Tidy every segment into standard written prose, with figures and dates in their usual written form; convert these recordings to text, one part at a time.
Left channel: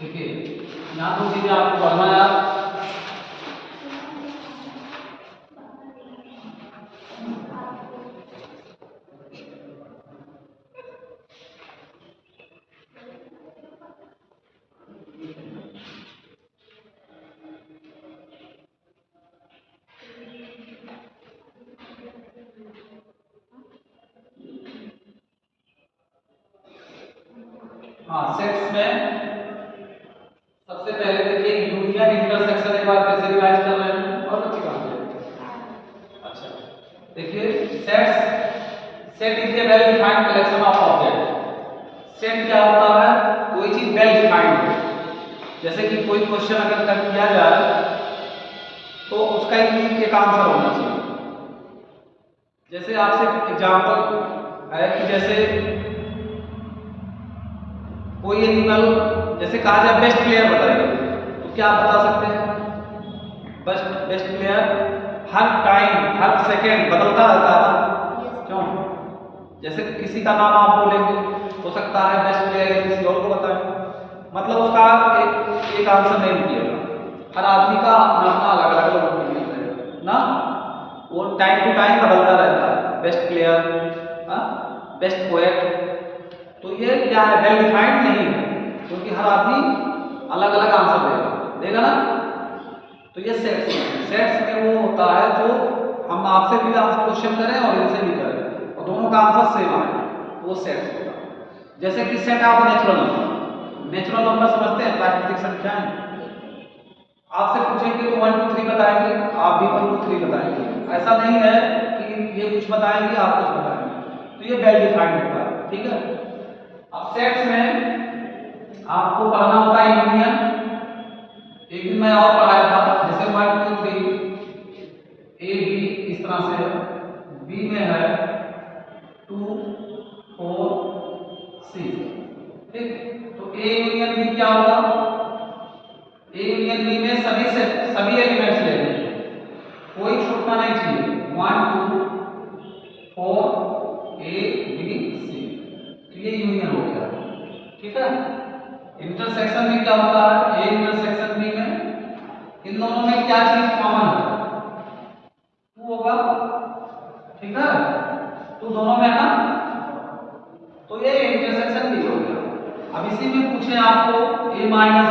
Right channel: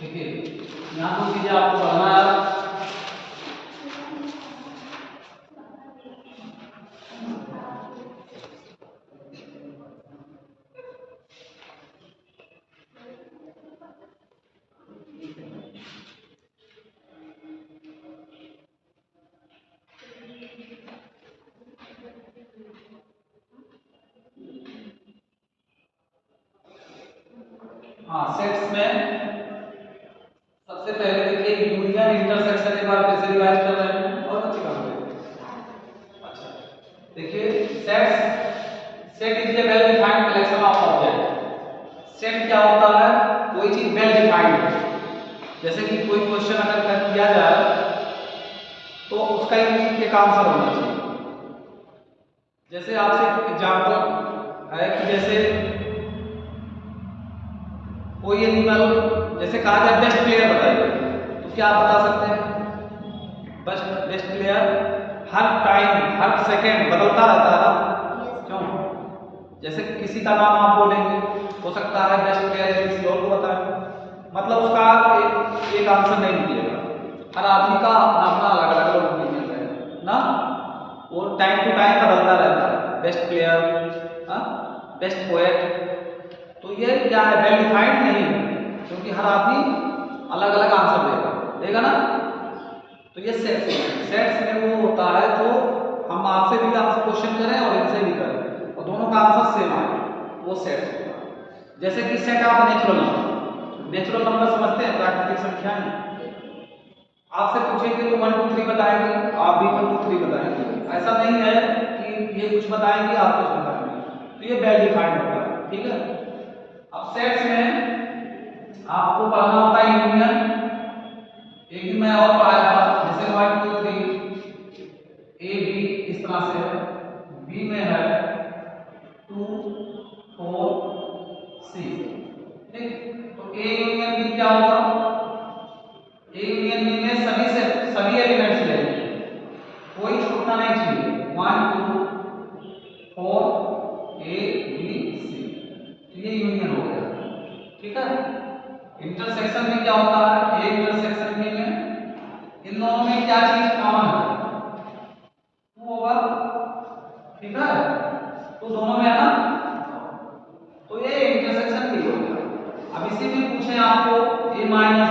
देखिए यहाँ 2 चीजें आपको पढ़ना है यार। हाँ, सेट्स में सबसे पहले देखिए यूनियन इंटरसेक्शन एक बार फिर से रिवाइज कर रहे हैं। बहुत अच्छी बात है। अच्छा देखिए set is a well defined collection of object. Set क्या होता है? कोई चीज वेल डिफाइंड हो, जैसे कि कोई क्वेश्चन अगर कर दिया जाए तो उसका एक आंसर होना चाहिए। जैसे आपसे एग्जाम्पल है कि जैसे कोई एनिमल, जैसे कहा जाए बेस्ट प्लेयर बताइए, तो क्या आप बता सकते हैं? बेस्ट प्लेयर हर टाइम हर सेकेंड बदलता रहता है ना, क्यों? जैसे किसी का नाम आप बोलेंगे, हो सकता है बेस्ट प्लेयर है किसी और को बताएं, मतलब उसका एक आंसर नहीं निकलेगा। हर आदमी का अपना अपना अलग अलग ओपिनियन है ना, वो टाइम टू टाइम बदलता रहता है। बेस्ट प्लेयर, बेस्ट पोएट, तो ये क्या है? वेल डिफाइंड नहीं है, क्योंकि हर आदमी अलग अलग आंसर देगा ना। तो ये सेट्स में वो होता है जो हम आपसे भी आंसर क्वेश्चन करें और इनसे भी करें और दोनों का आंसर सेम आए, वो सेट्स होता है। जैसे कि सेट ऑफ नेचुरल नंबर समझते हैं, प्राकृतिक संख्याएं। आपसे पूछेंगे तो 1 2 3 बताएंगे, आप भी 1 2 3 बताएंगे। ऐसा नहीं है कि ये कुछ बताएंगे आप कुछ बताएंगे, तो ये वेल डिफाइंड होता है। ठीक है। अब सेट्स में आपको पढ़ना होता है यूनियन। एक दिन मैं और पढ़ाया था, जैसे 1 2 3 ए बी इस तरह से है, बी में है 2 4 सी। ठीक, तो ए यूनियन बी क्या होगा? ए यूनियन बी में सभी एलिमेंट्स ले लेंगे, कोई छूटना नहीं चाहिए। 1 2 4 ए बी सी, तो ये यूनियन हो गया। ठीक है। इंटरसेक्शन में क्या होता है? ए इंटरसेक्शन बी में इन दोनों में क्या चीज कॉमन है? 2 होगा। ठीक है, तो दोनों में है ना, तो ये इंटरसेक्शन भी हो गया। अब इसी में पूछे आपको a माइनस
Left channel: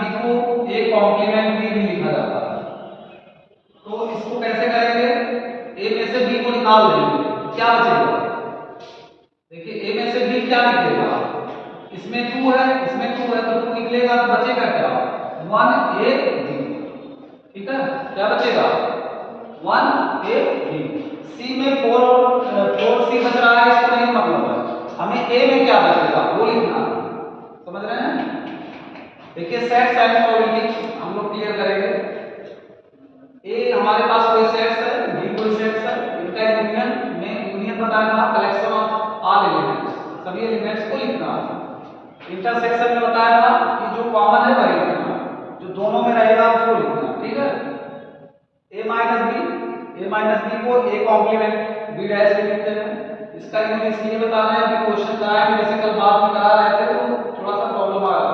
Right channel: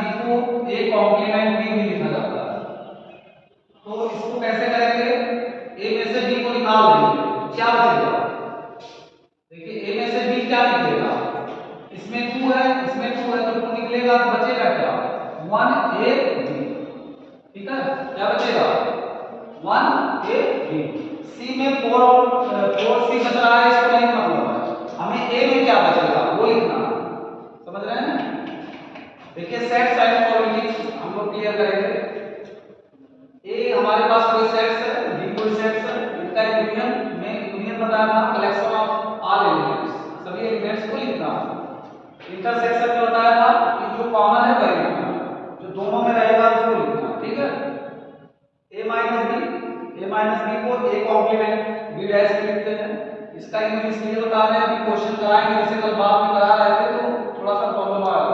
बी को a कॉम्प्लीमेंट b भी लिखा जाता है, तो इसको कैसे करेंगे? a में से b को निकाल देंगे, तो क्या बचेगा? देखिए a में से b क्या निकलेगा? इसमें 2 है, इसमें 2 है, तो 2 निकलेगा, तो बचेगा क्या? 1a b। ठीक है, क्या बचेगा? 1a b। सी में 4 सी बच रहा है, इसको नहीं मतलब है, हमें ए में क्या बचेगा वो लिखना। समझ रहे हैं? देखिए सेट्स एंड प्रोबेबिलिटी हम लोग क्लियर करेंगे। ए हमारे पास कोई सेट्स है, बी कोई सेट्स है, इनका यूनियन बताया था कलेक्शन ऑफ ऑल एलिमेंट्स, सभी एलिमेंट्स को लिखना। इंटरसेक्शन में बताया था कि जो कॉमन है वही लिखना, जो दोनों में रहेगा उसको लिखना। ठीक है। ए माइनस बी को ए कॉम्प्लीमेंट बी डैश में लिखते हैं। इसका यूज इसलिए बता रहे हैं, अभी क्वेश्चन कराएंगे, जैसे कल बाद में करा रहे थे तो थोड़ा सा प्रॉब्लम आया।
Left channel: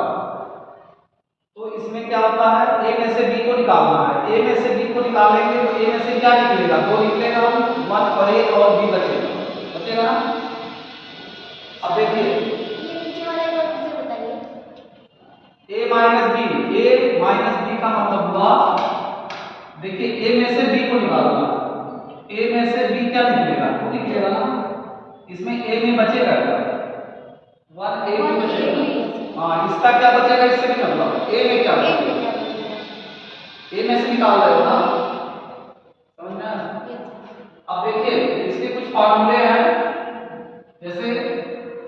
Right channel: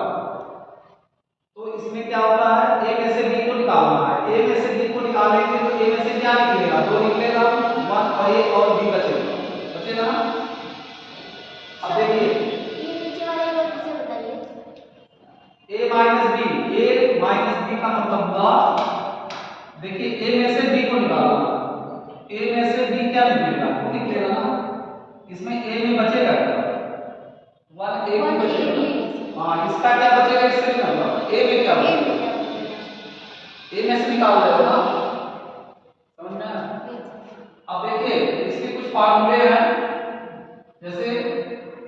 तो इसमें क्या होता है? ए में से बी को निकालना है, ए में से बी को निकालेंगे तो ए में से क्या निकलेगा? 2 निकलेगा, 1 और ए और बी बचेगा ना। अब देखिए ये नीचे वाले को फिर से बताइए। ए माइनस बी का मतलब हुआ, देखिए ए में से बी को निकालना, ए में से बी क्या निकलेगा? 2 निकलेगा ना, इसमें ए में बचेगा क्या? 1 ए में बचेगा। हाँ, इसका क्या बचेगा? इससे भी मतलब ए में क्या बचेगा? ए में से निकाल रहे हो ना, समझ में आया? अब देखिए इसके कुछ फार्मूले हैं, जैसे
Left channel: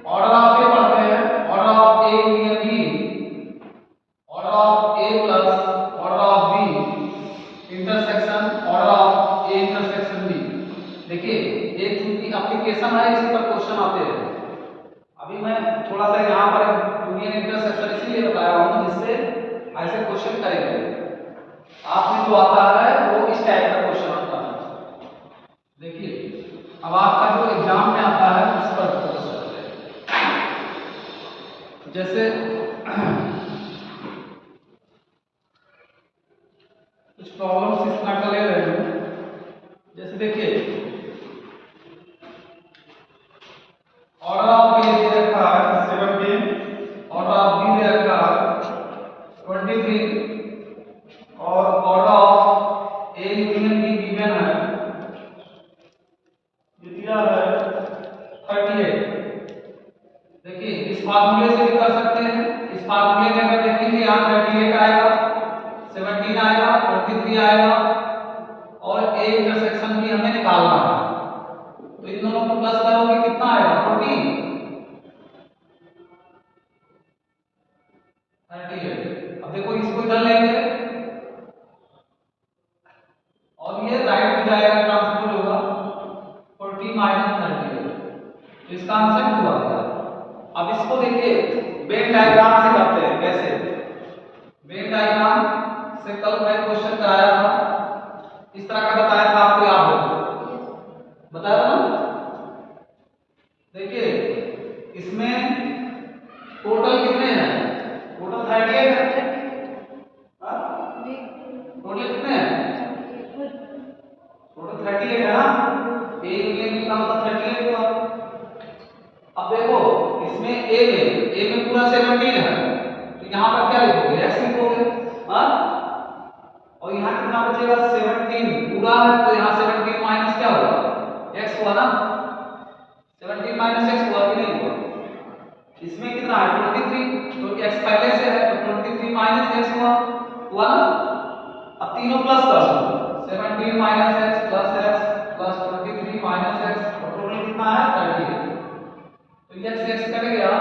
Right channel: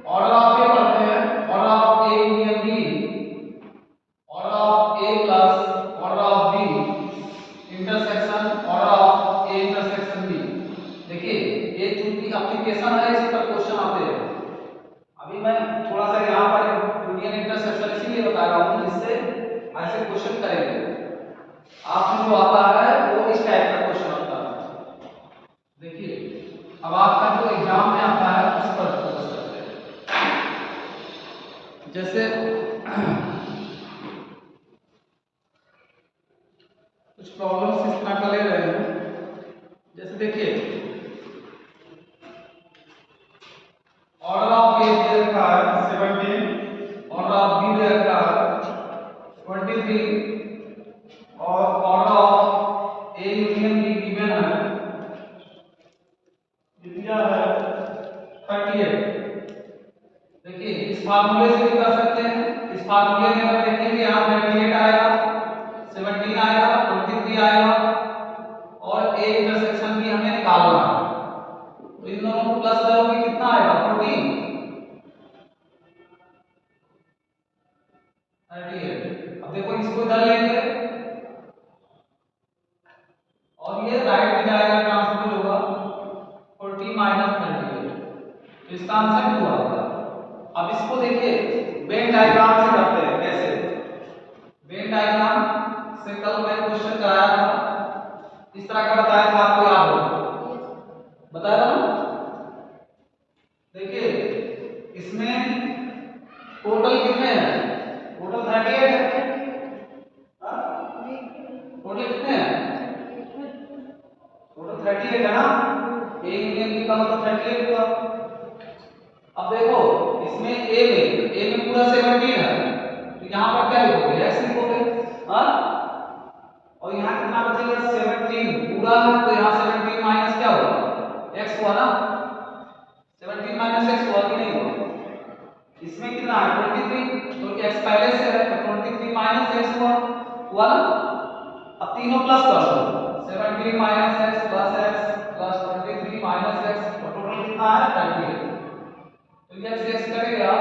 ऑर्डर ऑफ ए पढ़ते हैं, order of A union B, order of A plus order of B intersection order of A intersection B. देखिए ये चूंकि एप्लीकेशन है, इसी पर क्वेश्चन आते हैं। अभी मैं थोड़ा सा यहाँ पर यूनियन इंटरसेक्शन इसलिए बताया हूँ जिससे ऐसे क्वेश्चन करेंगे। आपने जो आता है वो इस टाइप का क्वेश्चन आता है। देखिए अब आपका जो एग्जाम में आता है उस पर फोकस करते हैं। जैसे कुछ प्रॉब्लम्स इस तरह का ले रहे हैं, जैसे देखिए ऑर्डर ऑफ ए दे रखा है 17, ऑर्डर ऑफ बी दे रखा है 23 और order of A union be given है, ये दिया है 38। देखिए इस फार्मूले से भी कर सकते हैं, इस फार्मूले में अगर देखेंगे यहाँ 38 आएगा, 17 आएगा, 23 आएगा और ए इंटरसेक्शन भी हमें निकालना है, तो इन दोनों को प्लस करोगे कितना आएगा 14 38। अब देखो इसको इधर लेंगे और ये राइट में जाएगा, ट्रांसफर होगा 40 माइनस 38, तो इसका आंसर 2 आ गया। अब इसको देखिए वेन डायग्राम से करते हैं, कैसे वेन डायग्राम से कल मैं क्वेश्चन कराया था, इस तरह का बताया था, आपको याद हो बताया था ना। देखिए इसमें टोटल कितने हैं, टोटल 38 है, टोटल कितने हैं, टोटल 38 है ना, ए यूनियन बी का मतलब 38 हुआ। अब देखो इसमें ए में पूरा 17 है, तो यहाँ पर क्या लिखोगे x लिखोगे, हाँ, और यहाँ कितना बचेगा 17 पूरा है, तो यहाँ 17 माइनस क्या होगा x हुआ ना, 17 माइनस x हुआ कि नहीं हुआ। इसमें कितना है 23, तो x पहले से है तो 23 माइनस x हुआ ना। अब तीनों प्लस कर दो, 17 minus x plus 23 minus x, और टोटल कितना है 38, तो ये x कट गया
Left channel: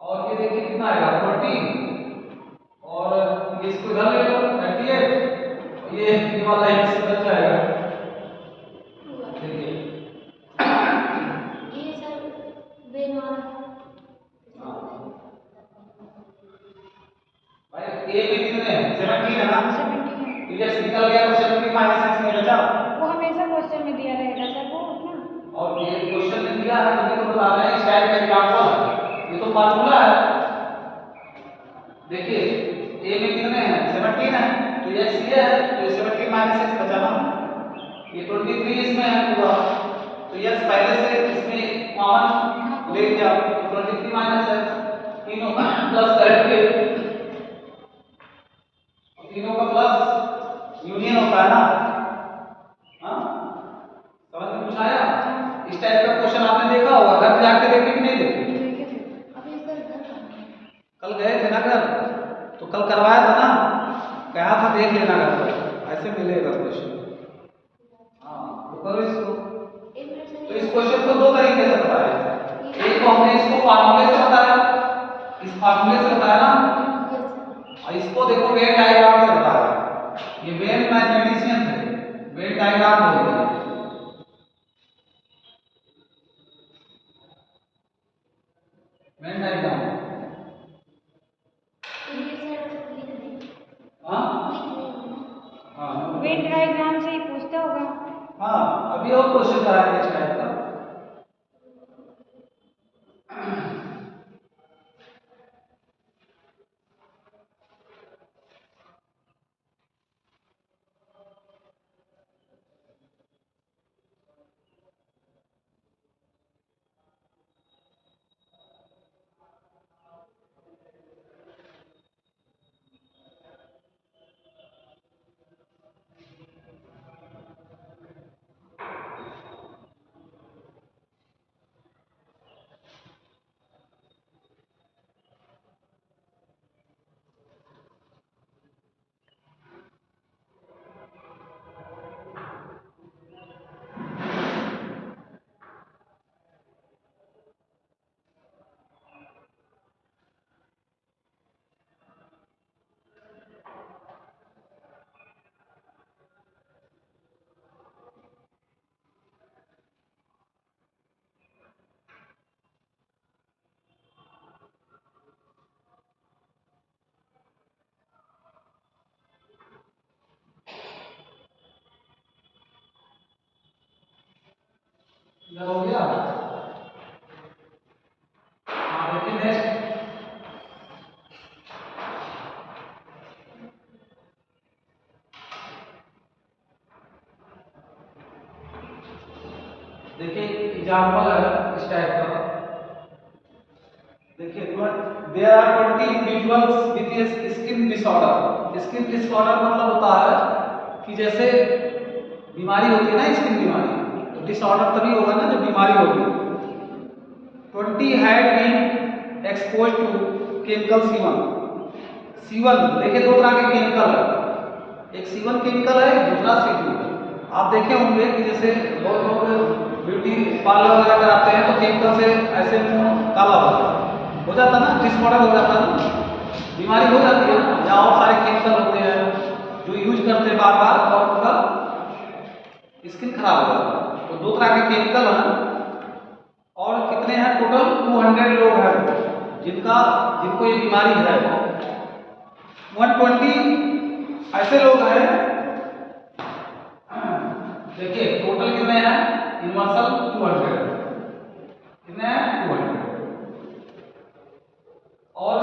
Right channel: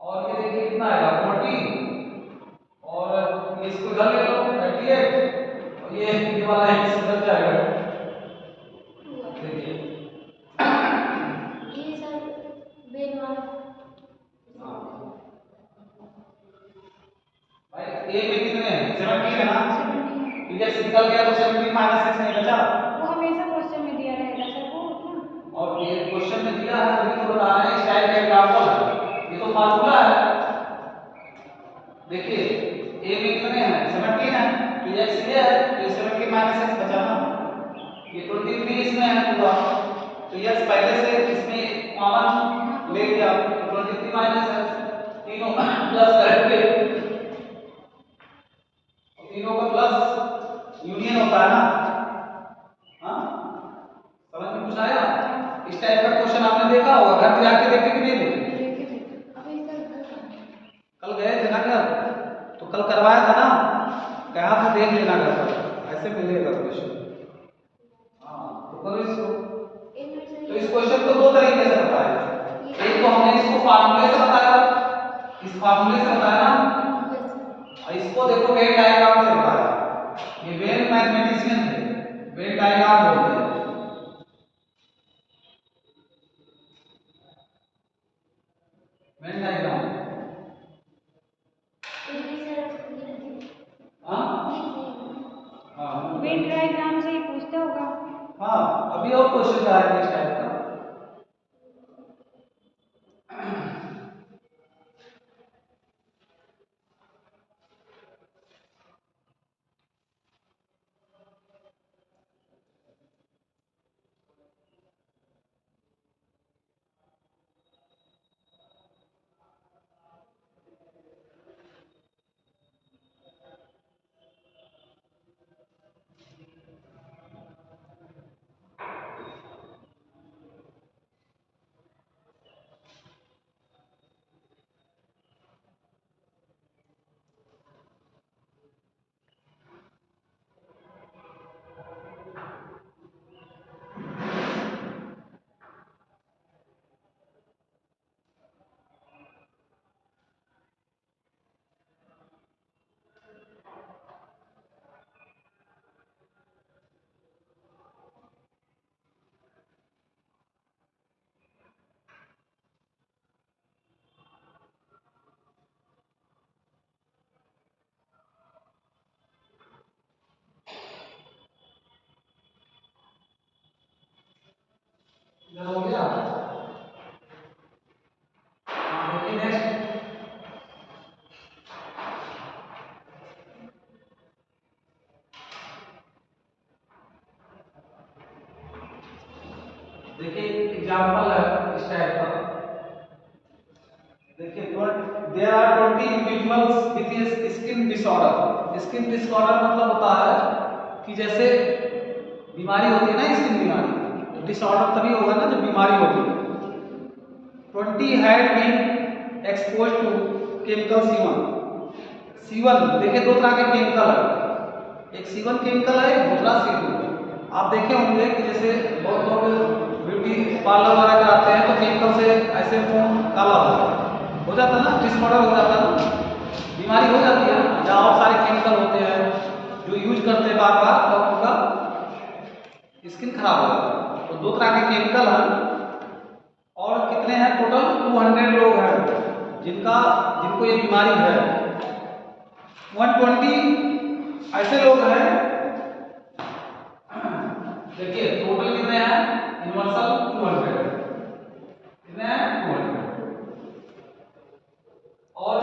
और ये देखिए कितना आएगा 40, और ये इसको इधर ले लो 38 और ये वाला x इधर जाएगा। देखिए ये सर वेन वाला भाई a में कितने हैं 17 है ना, 17 ये x निकल गया तो 17 माइनस x नहीं बचा, वो हमेशा क्वेश्चन में दिया रहेगा सर वो ना, और ये क्वेश्चन में दिया है तभी तो बता रहे हैं, इस टाइप का एग्जांपल है, ये तो फार्मूला है। देखिए a में कितने हैं 17 है, तो x ये है, तो 17 माइनस x बचा ना, ये 23 इसमें है पूरा, तो x पहले से इसमें कॉमन ले लिया, तो 23 माइनस x, तीनों प्लस करेंगे, तीनों का प्लस यूनियन होता है ना, हाँ समझ में कुछ आया। इस टाइप का क्वेश्चन आपने देखा होगा, घर जाके देखे कि नहीं देखे, अभी सर घर का कल गए थे ना घर, तो कल करवाया था ना, कहा था देख लेना घर पर, ऐसे मिलेगा क्वेश्चन। हाँ तो करो इसको, एक मिनट तो सर इस क्वेश्चन को दो तरीके से बताया, एक तो हमने इसको फार्मूले से बताया, इस फार्मूले से बताया ना, और इसको देखो वेन डायग्राम से बताया, ये वेन मैथमेटिशियन थे, वेन डायग्राम बोलते हैं, वेन डायग्राम। तो ये सर लिख दीजिए, हाँ लिख नहीं हाँ वेन डायग्राम से ही पूछता होगा। हाँ, अभी और क्वेश्चन कराएंगे इस टाइप का। इधर हो गया, हाँ देखिए नेक्स्ट। देखिए एग्जाम्पल है इस टाइप का। देखिए there are 20 individuals with skin disorder. Skin disorder मतलब होता है कि जैसे बीमारी होती है ना, स्किन बीमारी, तो डिसऑर्डर तभी होगा ना जब बीमारी होगी। 20 had been exposed to chemical C1। C1 देखिए दो तरह के केमिकल है, एक C1 केमिकल है, एक दूसरा C2 है। आप देखे होंगे कि जैसे बहुत लोग ब्यूटी पार्लर वगैरह कराते हैं तो केमिकल से ऐसे मुंह काला हो जाता है ना, डिसऑर्डर हो जाता है ना, बीमारी हो जाती है ना, या और सारे केमिकल होते हैं जो यूज करते हैं बार बार तो उनका स्किन खराब हो जाता है। तो दो तरह के केमिकल हैं। और कितने हैं टोटल? 200 लोग हैं जिनको ये बीमारी है। 120 ऐसे लोग हैं। देखिए टोटल कितने हैं? यूनिवर्सल 200 कितने हैं? 200। और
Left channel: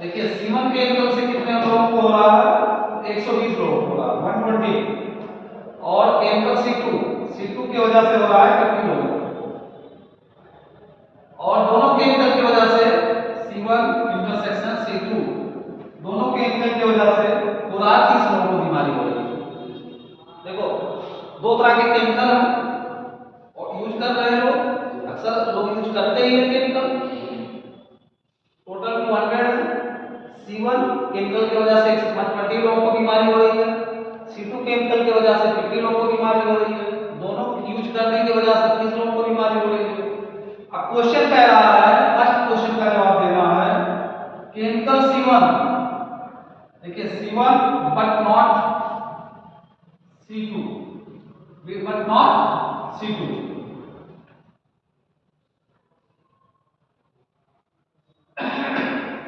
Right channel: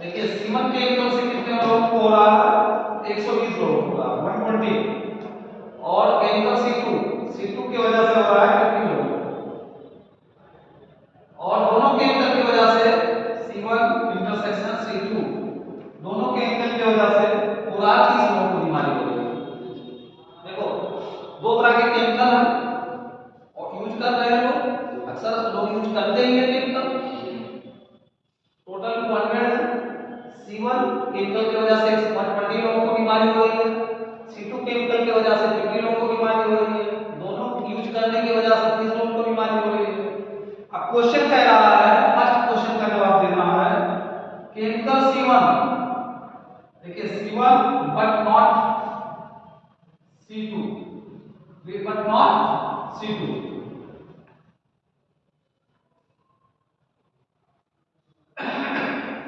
देखिए C1 केमिकल से कितने लोगों को हो रहा है? 120 लोगों को हो रहा है, 120। और केमिकल C2 की वजह से हो रहा है 50 लोगों को। और दोनों केमिकल की वजह से C1 इंटरसेक्शन C2 दोनों केमिकल की वजह से पूरा 30 लोगों को बीमारी हो रही है। देखो दो तरह के केमिकल हैं और यूज कर रहे लोग, अक्सर लोग यूज करते ही है केमिकल। टोटल 200 C1 केमिकल की वजह से 120 लोगों को बीमारी हो रही है, C2 केमिकल की वजह से 50 लोगों को बीमारी हो रही है। दोनों यूज करने की वजह से 30 लोगों को बीमारी हो रही है। अब क्वेश्चन कह रहा है, फर्स्ट क्वेश्चन का जवाब देना है केमिकल C1। देखिए C1 but not C2, but not C2।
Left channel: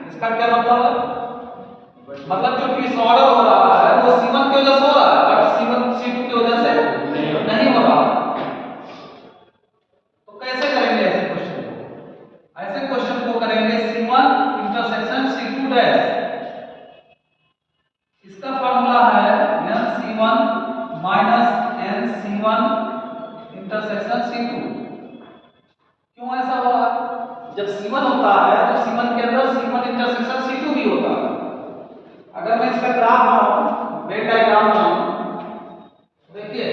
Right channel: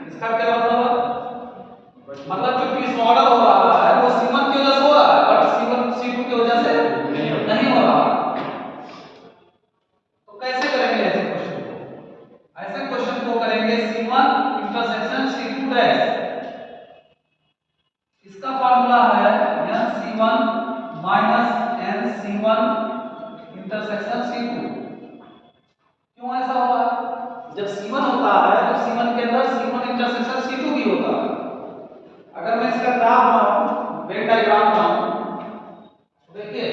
इसका क्या मतलब है? मतलब जो डिसऑर्डर हो रहा है वो C1 की वजह से हो रहा है, बट C2 की वजह से नहीं हो रहा है। तो कैसे करेंगे ऐसे क्वेश्चन को? ऐसे क्वेश्चन को करेंगे C1 इंटरसेक्शन C2 डैश। इसका फार्मूला है NC1 minus NC1 intersection C2। क्यों ऐसा हो रहा है? जब C1 होता है तो C1 के अंदर C1 इंटरसेक्शन C2 भी होता है। अगर मैं इसका ग्राफ बनाऊं, वेन डायग्राम बनाऊं, देखिए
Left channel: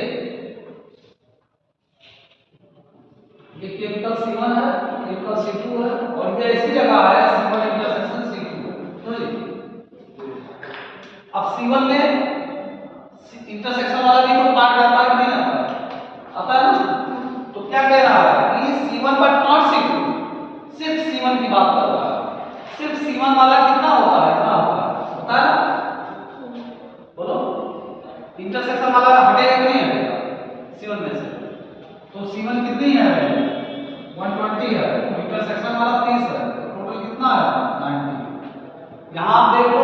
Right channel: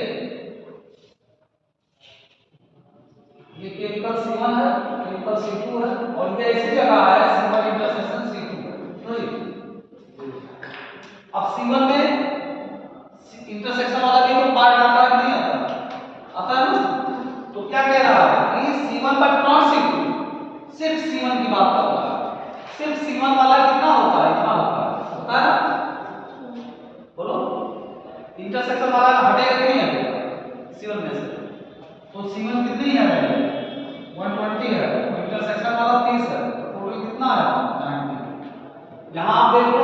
ये केमिकल C1 है, केमिकल C2 है, और ये ऐसी जगह है C1 इंटरसेक्शन C2। तो अब C1 में इंटरसेक्शन वाला भी तो पार्ट आता है कि नहीं आता? आता है ना। तो क्या कह रहा है कि C1 बट नॉट C2, सिर्फ C1 की बात कर रहा है। सिर्फ C1 वाला कितना होता है? इतना होता है, होता है ना? बोलो इंटरसेक्शन वाला हटेगा कि नहीं हटेगा C1 में से? तो C1 कितनी है? 120 है, और इंटरसेक्शन वाला 30 है, तो टोटल कितना है? 90। यहां आप देख लो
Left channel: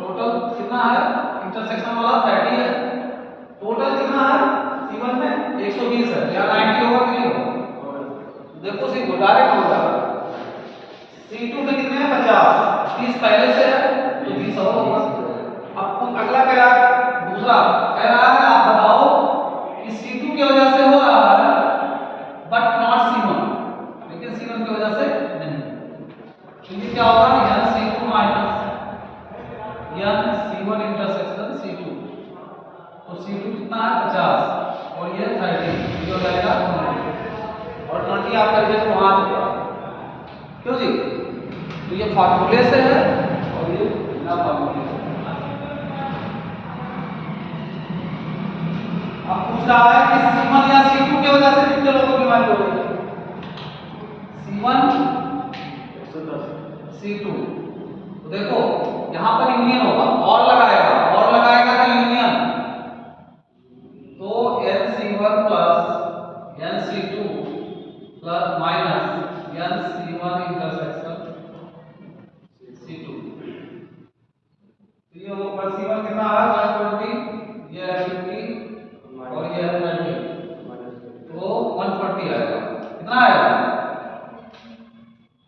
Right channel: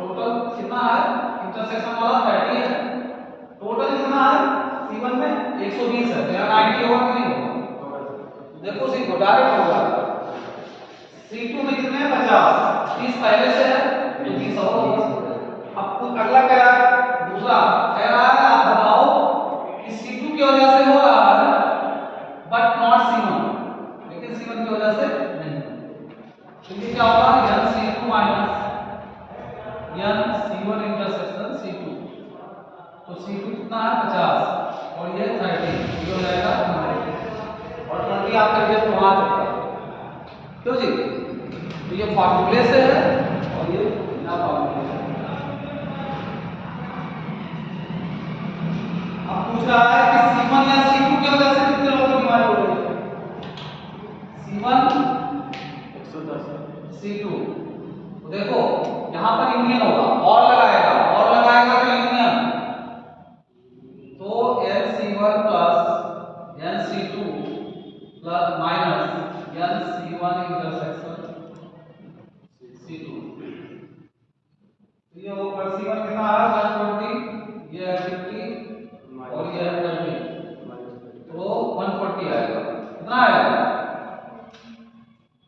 टोटल कितना है? इंटरसेक्शन वाला 30 है, टोटल कितना है C1 में? 120 है। तो यहाँ 90 होगा कि नहीं होगा? देखो सीधो डायरेक्ट होगा। C2 में कितने हैं? 50, 30 पहले से है तो 30 और होगा। अब अगला कह रहा है, दूसरा कह रहा है आप बताओ कि C2 की वजह से हो रहा है बट नॉट C1, लेकिन C1 की वजह से नहीं। तो ये क्या होगा? NC2 minus NC1 intersection C2। तो C2 कितना है? 50, और ये 30, ये हो जाएगा 20, और 20 आपका रिजल्ट वहां चुका है। क्यों जी? तो ये फार्मूले से है और ये बिना फार्मूले से। अब पूछ रहा है कि C1 या C2 की वजह से कितने लोगों को बीमारी हो रही है? C1 110, C2। तो देखो यहां पर यूनियन होगा, और लगाएगा क्या यूनियन? तो NC1 plus NC2 plus minus NC1 intersection C2। तो ये वो C1 कितना है? 120, ये है 50, और ये है 20, तो 140 आएगा। कितना आएगा?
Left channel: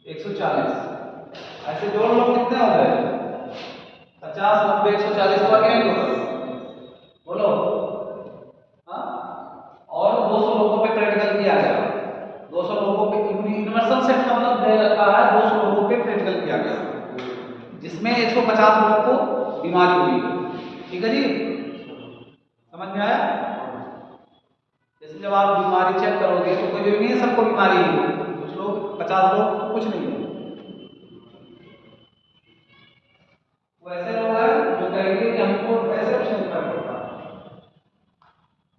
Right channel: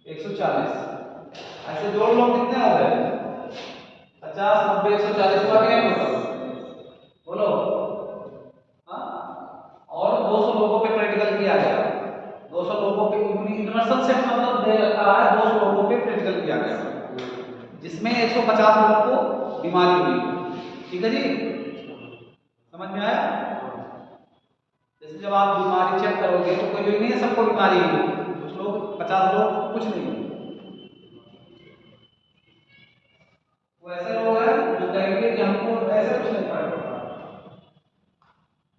140 140। ऐसे जोड़ लो कितने हो गए? 50, 90, 140 हुआ कि नहीं टोटल? बोलो। हाँ, और 200 लोगों पे प्रैक्टिकल किया गया। 200 लोगों पे यूनिवर्सल सेट मतलब दे रखा है, 200 लोगों पे प्रैक्टिकल किया गया, जिसमें 150 लोगों को बीमारी हुई। ठीक है जी, समझ में आया? जैसे जब आप बीमारी चेक करोगे तो कोई भी नहीं है सबको बीमारी है, कुछ लोग 50 लोग कुछ नहीं है। वो ऐसे लोग हैं जो कहेंगे कि हमको ऐसे कुछ नहीं फर्क पड़ता।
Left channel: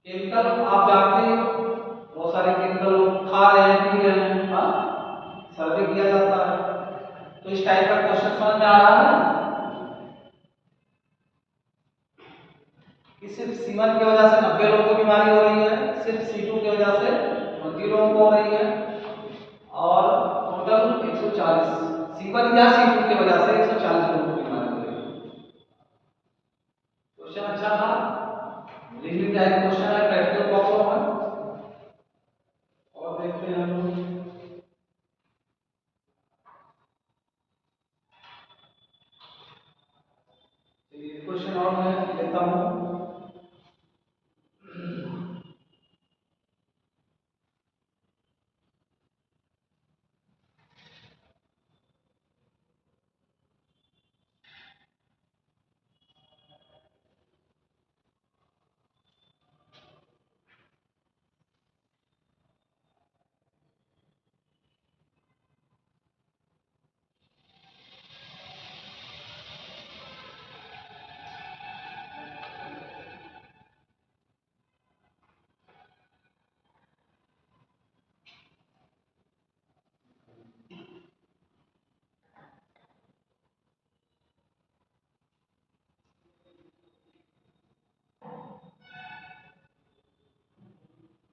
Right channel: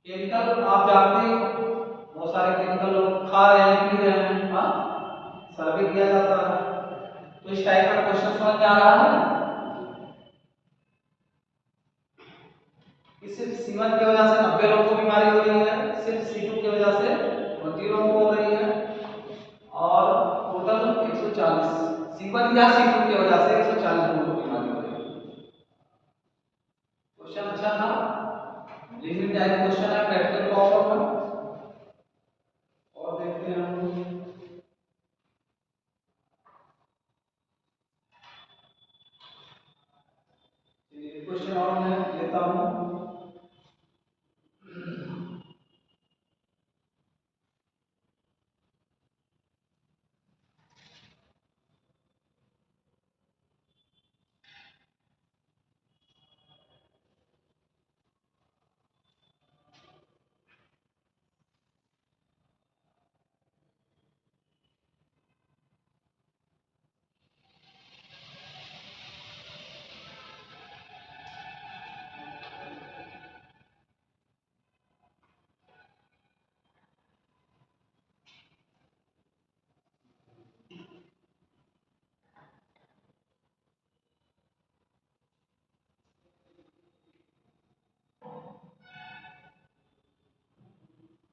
केमिकल आप जानते हो, बहुत सारे केमिकल लोग खा रहे हैं, पी रहे हैं, हाँ, सर्वे किया जाता है। तो इस टाइप का क्वेश्चन समझ में आ रहा है कि सिर्फ C1 की वजह से 90 लोगों को बीमारी हो रही है, सिर्फ C2 की वजह से 20 लोगों को हो रही है, और टोटल 140। C1 या C2 की वजह से 140 लोगों को बीमारी हो रही है। क्वेश्चन अच्छा था, लिमिट टाइप क्वेश्चन है, प्रैक्टिकल प्रॉब्लम है। और देखते हैं हम क्वेश्चन और मैं लेता हूँ।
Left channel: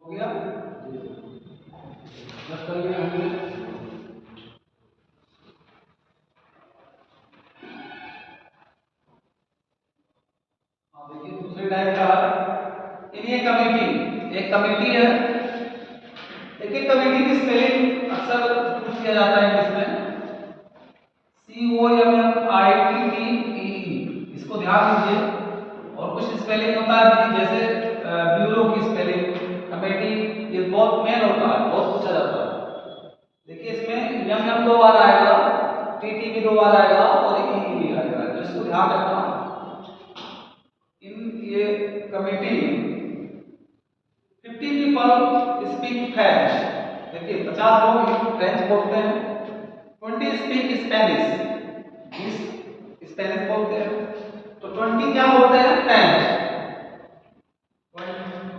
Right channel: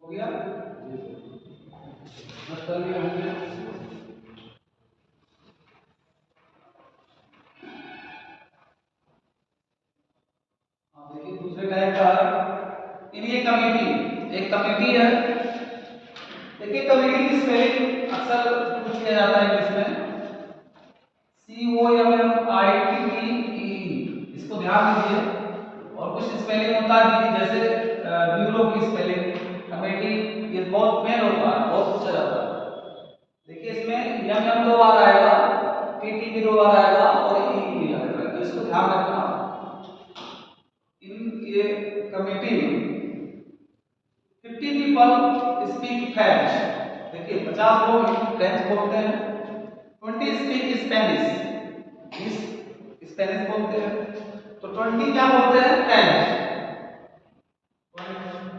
हो गया, बस कर लिया हमने। हाँ देखिए, दूसरे टाइप का है इन, ये कमिटी, एक कमिटी है। देखिए कमिटी की स्पेलिंग अक्सर पूछ किया जाता है इसमें, COMMITTEE, इसको ध्यान दीजिए। और कुछ स्पेलिंग होता है जैसे ब्यूरो की स्पेलिंग, कमेटी, ये बहुत मेन होता है, बहुत पूछा जाता है। देखिए इसमें MM 2 बार आएगा, TT भी 2 बार आएगा, और EE भी आएगा, तो इसको ध्यान रखना। इन ये कमेटी 50 पीपल स्पीक फ्रेंच। देखिए 50 लोग फ्रेंच बोलते हैं, 20 स्पीक स्पेनिश, 20 स्पेनिश बोलते हैं, तो 20 क्या बोलते हैं? फ्रेंच।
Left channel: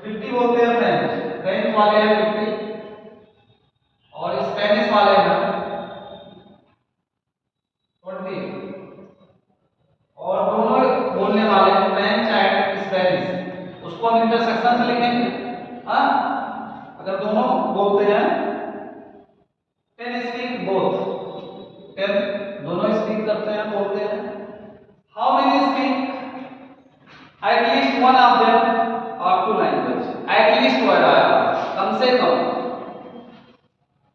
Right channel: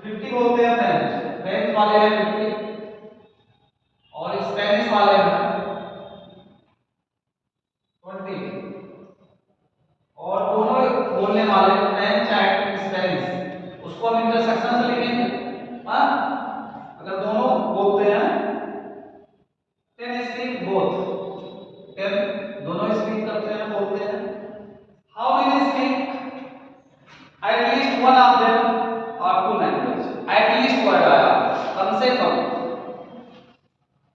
50 बोलते हैं फ्रेंच, फ्रेंच वाले हैं 50, और स्पेनिश वाले हैं 20, और दोनों बोलने वाले फ्रेंच एंड स्पेनिश, उसको हम इंटरसेक्शन से लिखेंगे। हाँ, अगर दोनों बोलते हैं 10 स्पीक बोथ, 10 दोनों स्पीक करते हैं, बोलते हैं। How many speak? At least one of them और 2 लैंग्वेज। एटलीस्ट वर्ड आया, कम से कम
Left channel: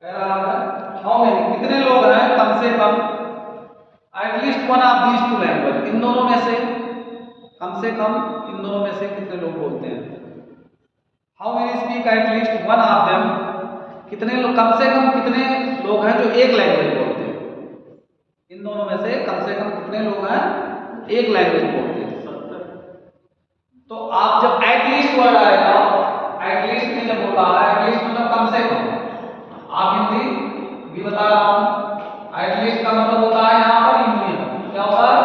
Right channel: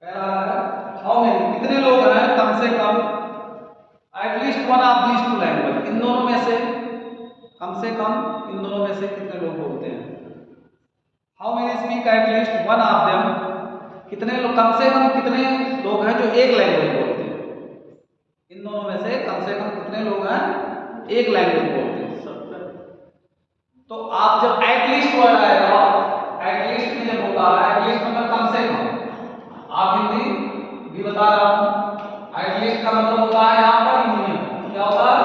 कह रहा है। हाउ मेनी, कितने लोग हैं कम से कम? At least one of these 2 language, इन दोनों में से, कम से कम इन दोनों में से कितने लोग बोलते हैं? How many speak at least one of them, कितने लोग, कम से कम कितने लोग हैं जो एक लैंग्वेज बोलते हैं? इन दोनों में से कम कितने लोग हैं एक लैंग्वेज बोलते हैं? तो आप जब एटलीस्ट वर्ड आएगा, एटलीस्ट में जब होता है, एटलीस्ट मतलब कम से कम, आप हिंदी भी बता रहा हूं, एटलीस्ट का मतलब होता है यहां पर यूनियन। क्या होता है?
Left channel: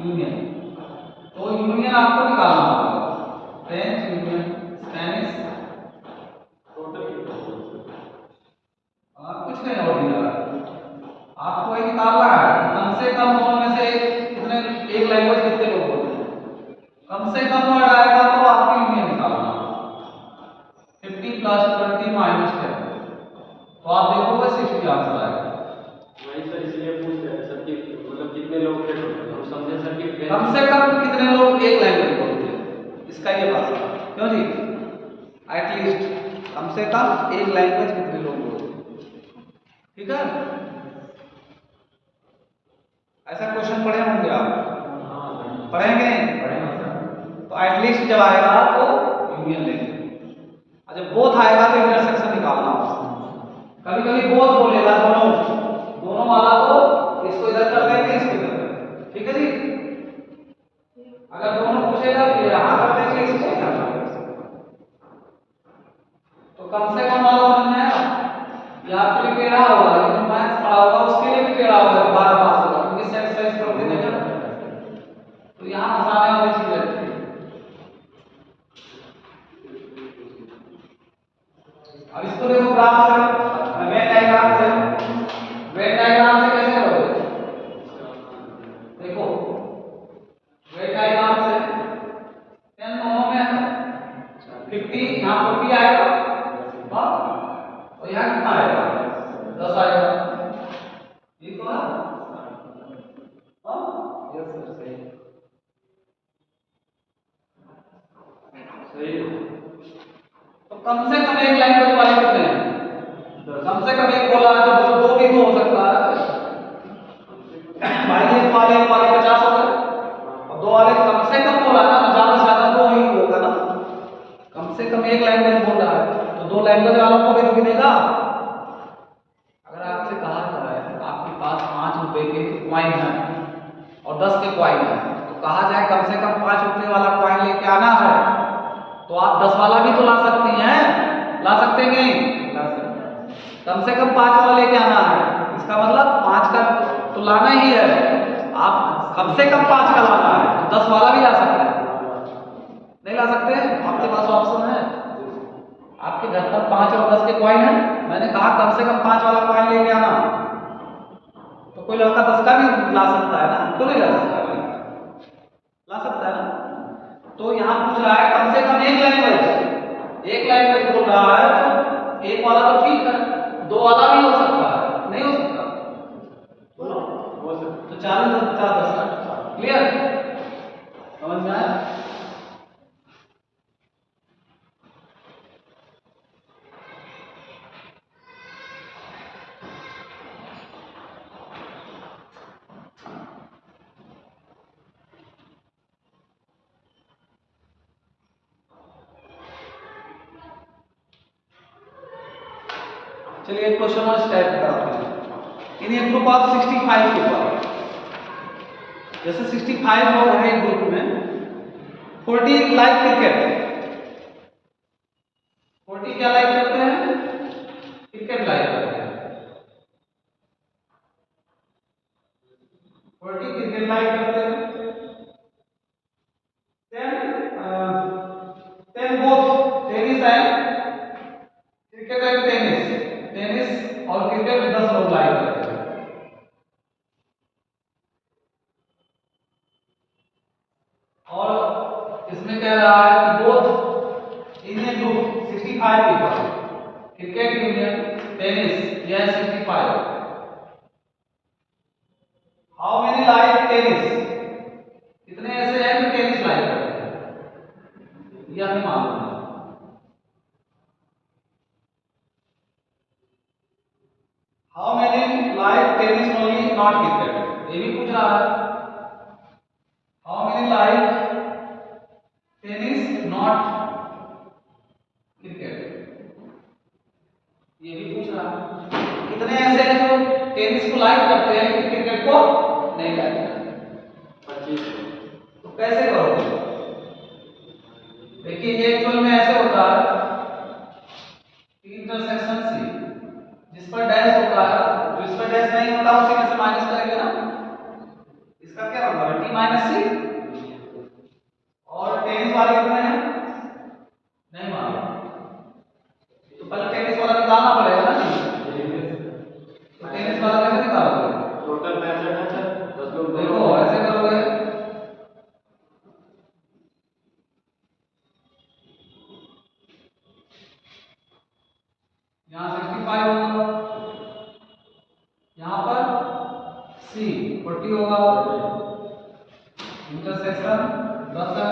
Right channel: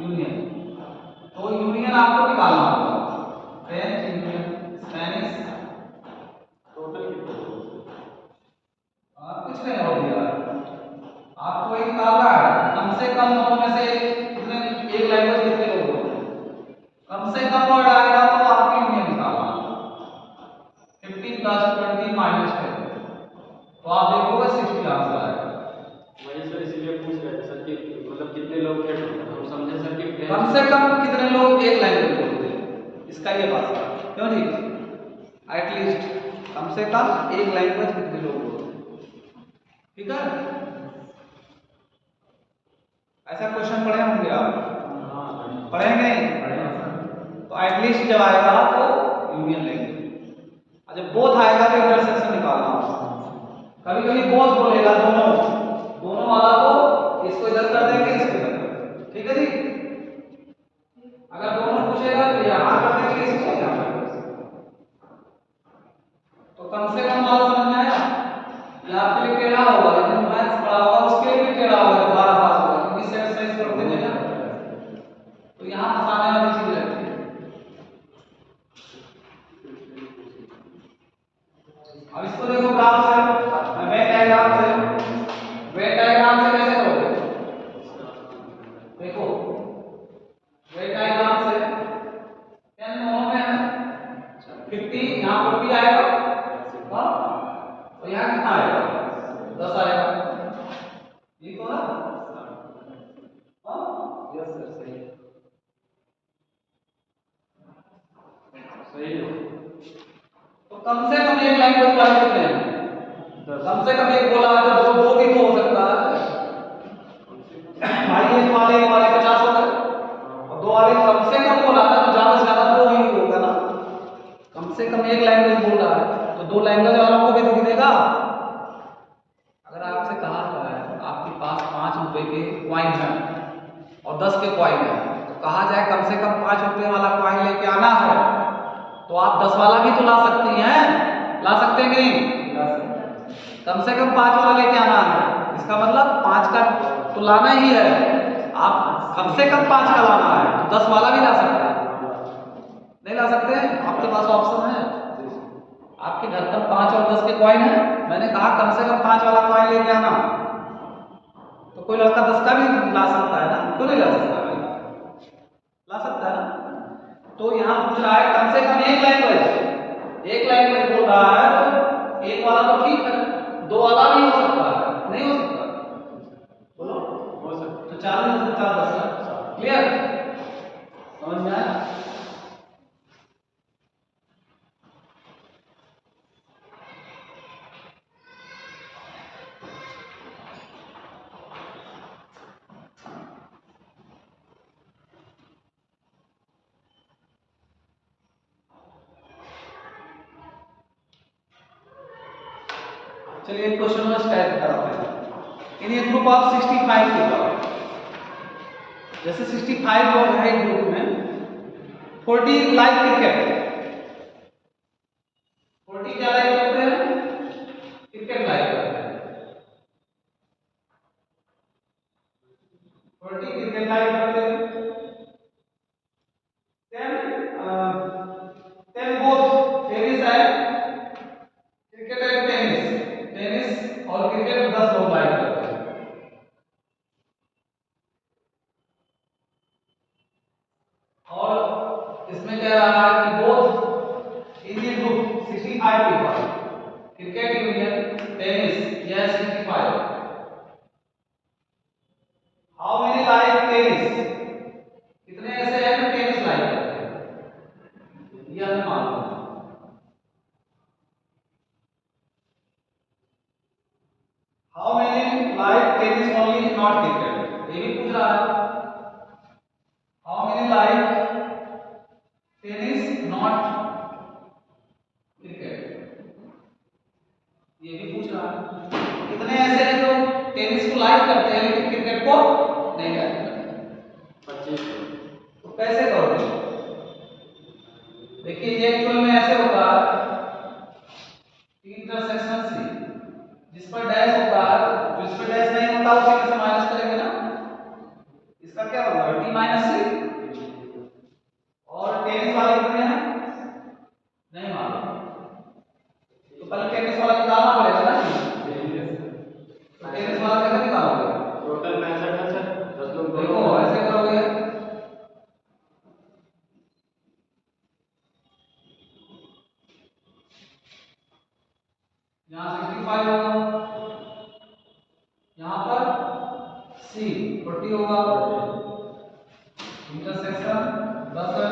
यूनियन। तो यूनियन आपको निकालना होगा, फ्रेंच यूनियन, स्पेनिश, कुछ नहीं और दिया, आपको ये निकालना है कम से कम दोनों में से कितने, एक लैंग्वेज कितने लोग बोलते हैं। कम से कम वर्ड आएगा तो आपकी यूनियन निकालना, 50 + 20 - 10, तो आप देखोगे 60 आंसर आएगा। वही सर इसलिए पूछ रहे थे सर कि मतलब कितने लोग थे, हम समझे सर कि कम से कम कितने लोग एक लैंग्वेज बोलते हैं, इसका ये बात है। क्यों जी? एटलीस्ट कम से कम एक लैंग्वेज कितने लोग बोलते हैं, ठीक है? पढ़ेंगे नहीं? पढ़ेंगे सर। तो एटलीस्ट जब आएगा तो यूनियन लेंगे, और जब बोथ आएगा तो इंटरसेक्शन निकालना होगा। कभी कभी बोथ बोलेगा, दोनों वाला तो इसको इधर कर देंगे, इसको इधर कर देंगे, ठीक है जी। अगर दोनों पूछेगा तो यहाँ कर देंगे, इसको यहाँ कर देंगे। तो कम से कम वाला समझ में आया। ये आपके लिए टेढ़ा होगा, लेकिन मैथ्स पढ़ा होगा उसके लिए भी टेढ़ा होगा, 12 पास होगा, क्योंकि सेट साइज कर देंगे ना। तो यहाँ फंसाने वाली चीज रहती है। अब इसको देखो ग्राफ से, वेन डायग्राम से। वेन डायग्राम से कैसे करोगे? देखो वेन डायग्राम से 10 दोनों में है, 50 यहाँ 40 आएगा, और यहाँ कितना आएगा? 10 आएगा। ये तो है। यस सर, सही सही है। तो कम से कम एक लैंग्वेज वाले कितने हैं? कम से कम एक बोला तो दो भी तो हो सकता है भाई। एक वाले 50 हो गए, और दो वाले कम से कम बोला ना, तो ज्यादा से ज्यादा दो ही होगा ना। कम से कम एक लैंग्वेज बोल रहा है, तो दो लैंग्वेज वालों को भी तो गिनेगा। अगर आपसे कहा जाए आपके पास 5 रुपए के कॉइन है और 10 के कॉइन है, तो कहा जाए कम से कम 5 रुपए वाला कॉइन लेके आना है, तो आप 10 वाला भी तो ला सकती हैं, ला सकते हैं कि नहीं? ला सकते हैं। कम से कम 5 वाला लेके आना है, इसका मतलब 5 का तो लाना ही है। आप कम से कम 5 का लाना है, तो 10 वाला भी ला सकते हैं। नहीं ला सकते हैं? आपके पास ऑप्शन है। आपके घर पर 5 और 10 के कॉइन है, मैंने कहा कम से कम 5 वाला कॉइन लेके आना, तो कोई लड़का 10 का भी ला सकता है ना, क्यों नहीं ला सकता भाई? ला सकता है ना। तो यहाँ पूछ रहा है कम से कम एक लैंग्वेज बोल रहा है, तो एक वाला तो ठीक है, 2 वाला भी हो सकता है, नहीं हो सकता? बोलो। हो सकता तो 40 10 10 क्लियर, समझ में आया? चलिए एक क्वेश्चन और स्टार्ट करते हैं। इन ए ग्रुप ऑफ 65 पीपल, जैसे 65 लोग हैं एक ग्रुप में, 40 लाइक क्रिकेट। 40 क्या लाइक करते हैं? क्रिकेट लाइक करते हैं। 40 क्रिकेट लाइक करते हैं। then both tennis and cricket and tennis और क्रिकेट 10 लोग लाइक करते हैं। और इसमें कह रहा है कि both in A group 65 people, cricket union tennis, यह 65। How many like tennis? कितने ऐसे हैं जो टेनिस लाइक करते हैं? ये हमें मालूम है। How many like tennis only not cricket? ये भी पूछ रहा है। How many like tennis not cricket? ये भी पूछ रहा है। कितने ऐसे हैं जो टेनिस को लाइक करते हैं लेकिन क्रिकेट को नहीं लाइक करते? 25। तो कैसे करोगे? देखिए ये एक्चुअल में ऐसे होता है, इंटरसेक्शन सी, जिस पर डैश होता है, जो इस पर डैश नहीं होता उसी में से माइनस करेंगे ना। इसका क्या होगा? टी माइनस सी। और टेनिस वाले कितने हैं? नहीं मालूम, तो पहले टेनिस वाला निकालना पड़ेगा ना जी। तो टेनिस वाला कैसे निकालोगे? टोटल 65 है सर, 10 लोग। देखो ऐसे करोगे, यहाँ 65 होगा, यहाँ पर C 40 होगा, इंटरसेक्शन 10 है,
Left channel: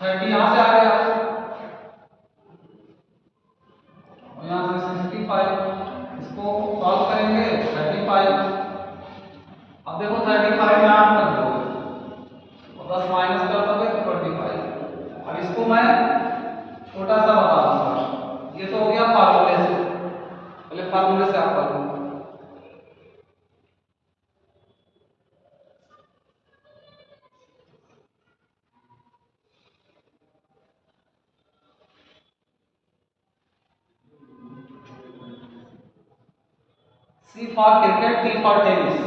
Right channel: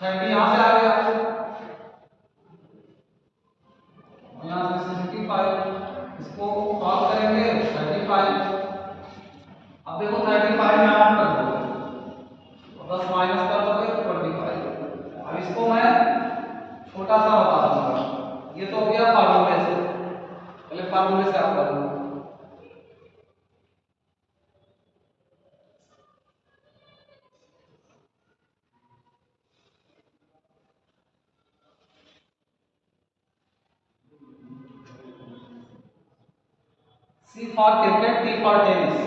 30 यहाँ से आ गया, और यहाँ से 65, इसको सॉल्व करेंगे 35। अब देखो 35 यहाँ कर दोगे, for cricket, T for tennis.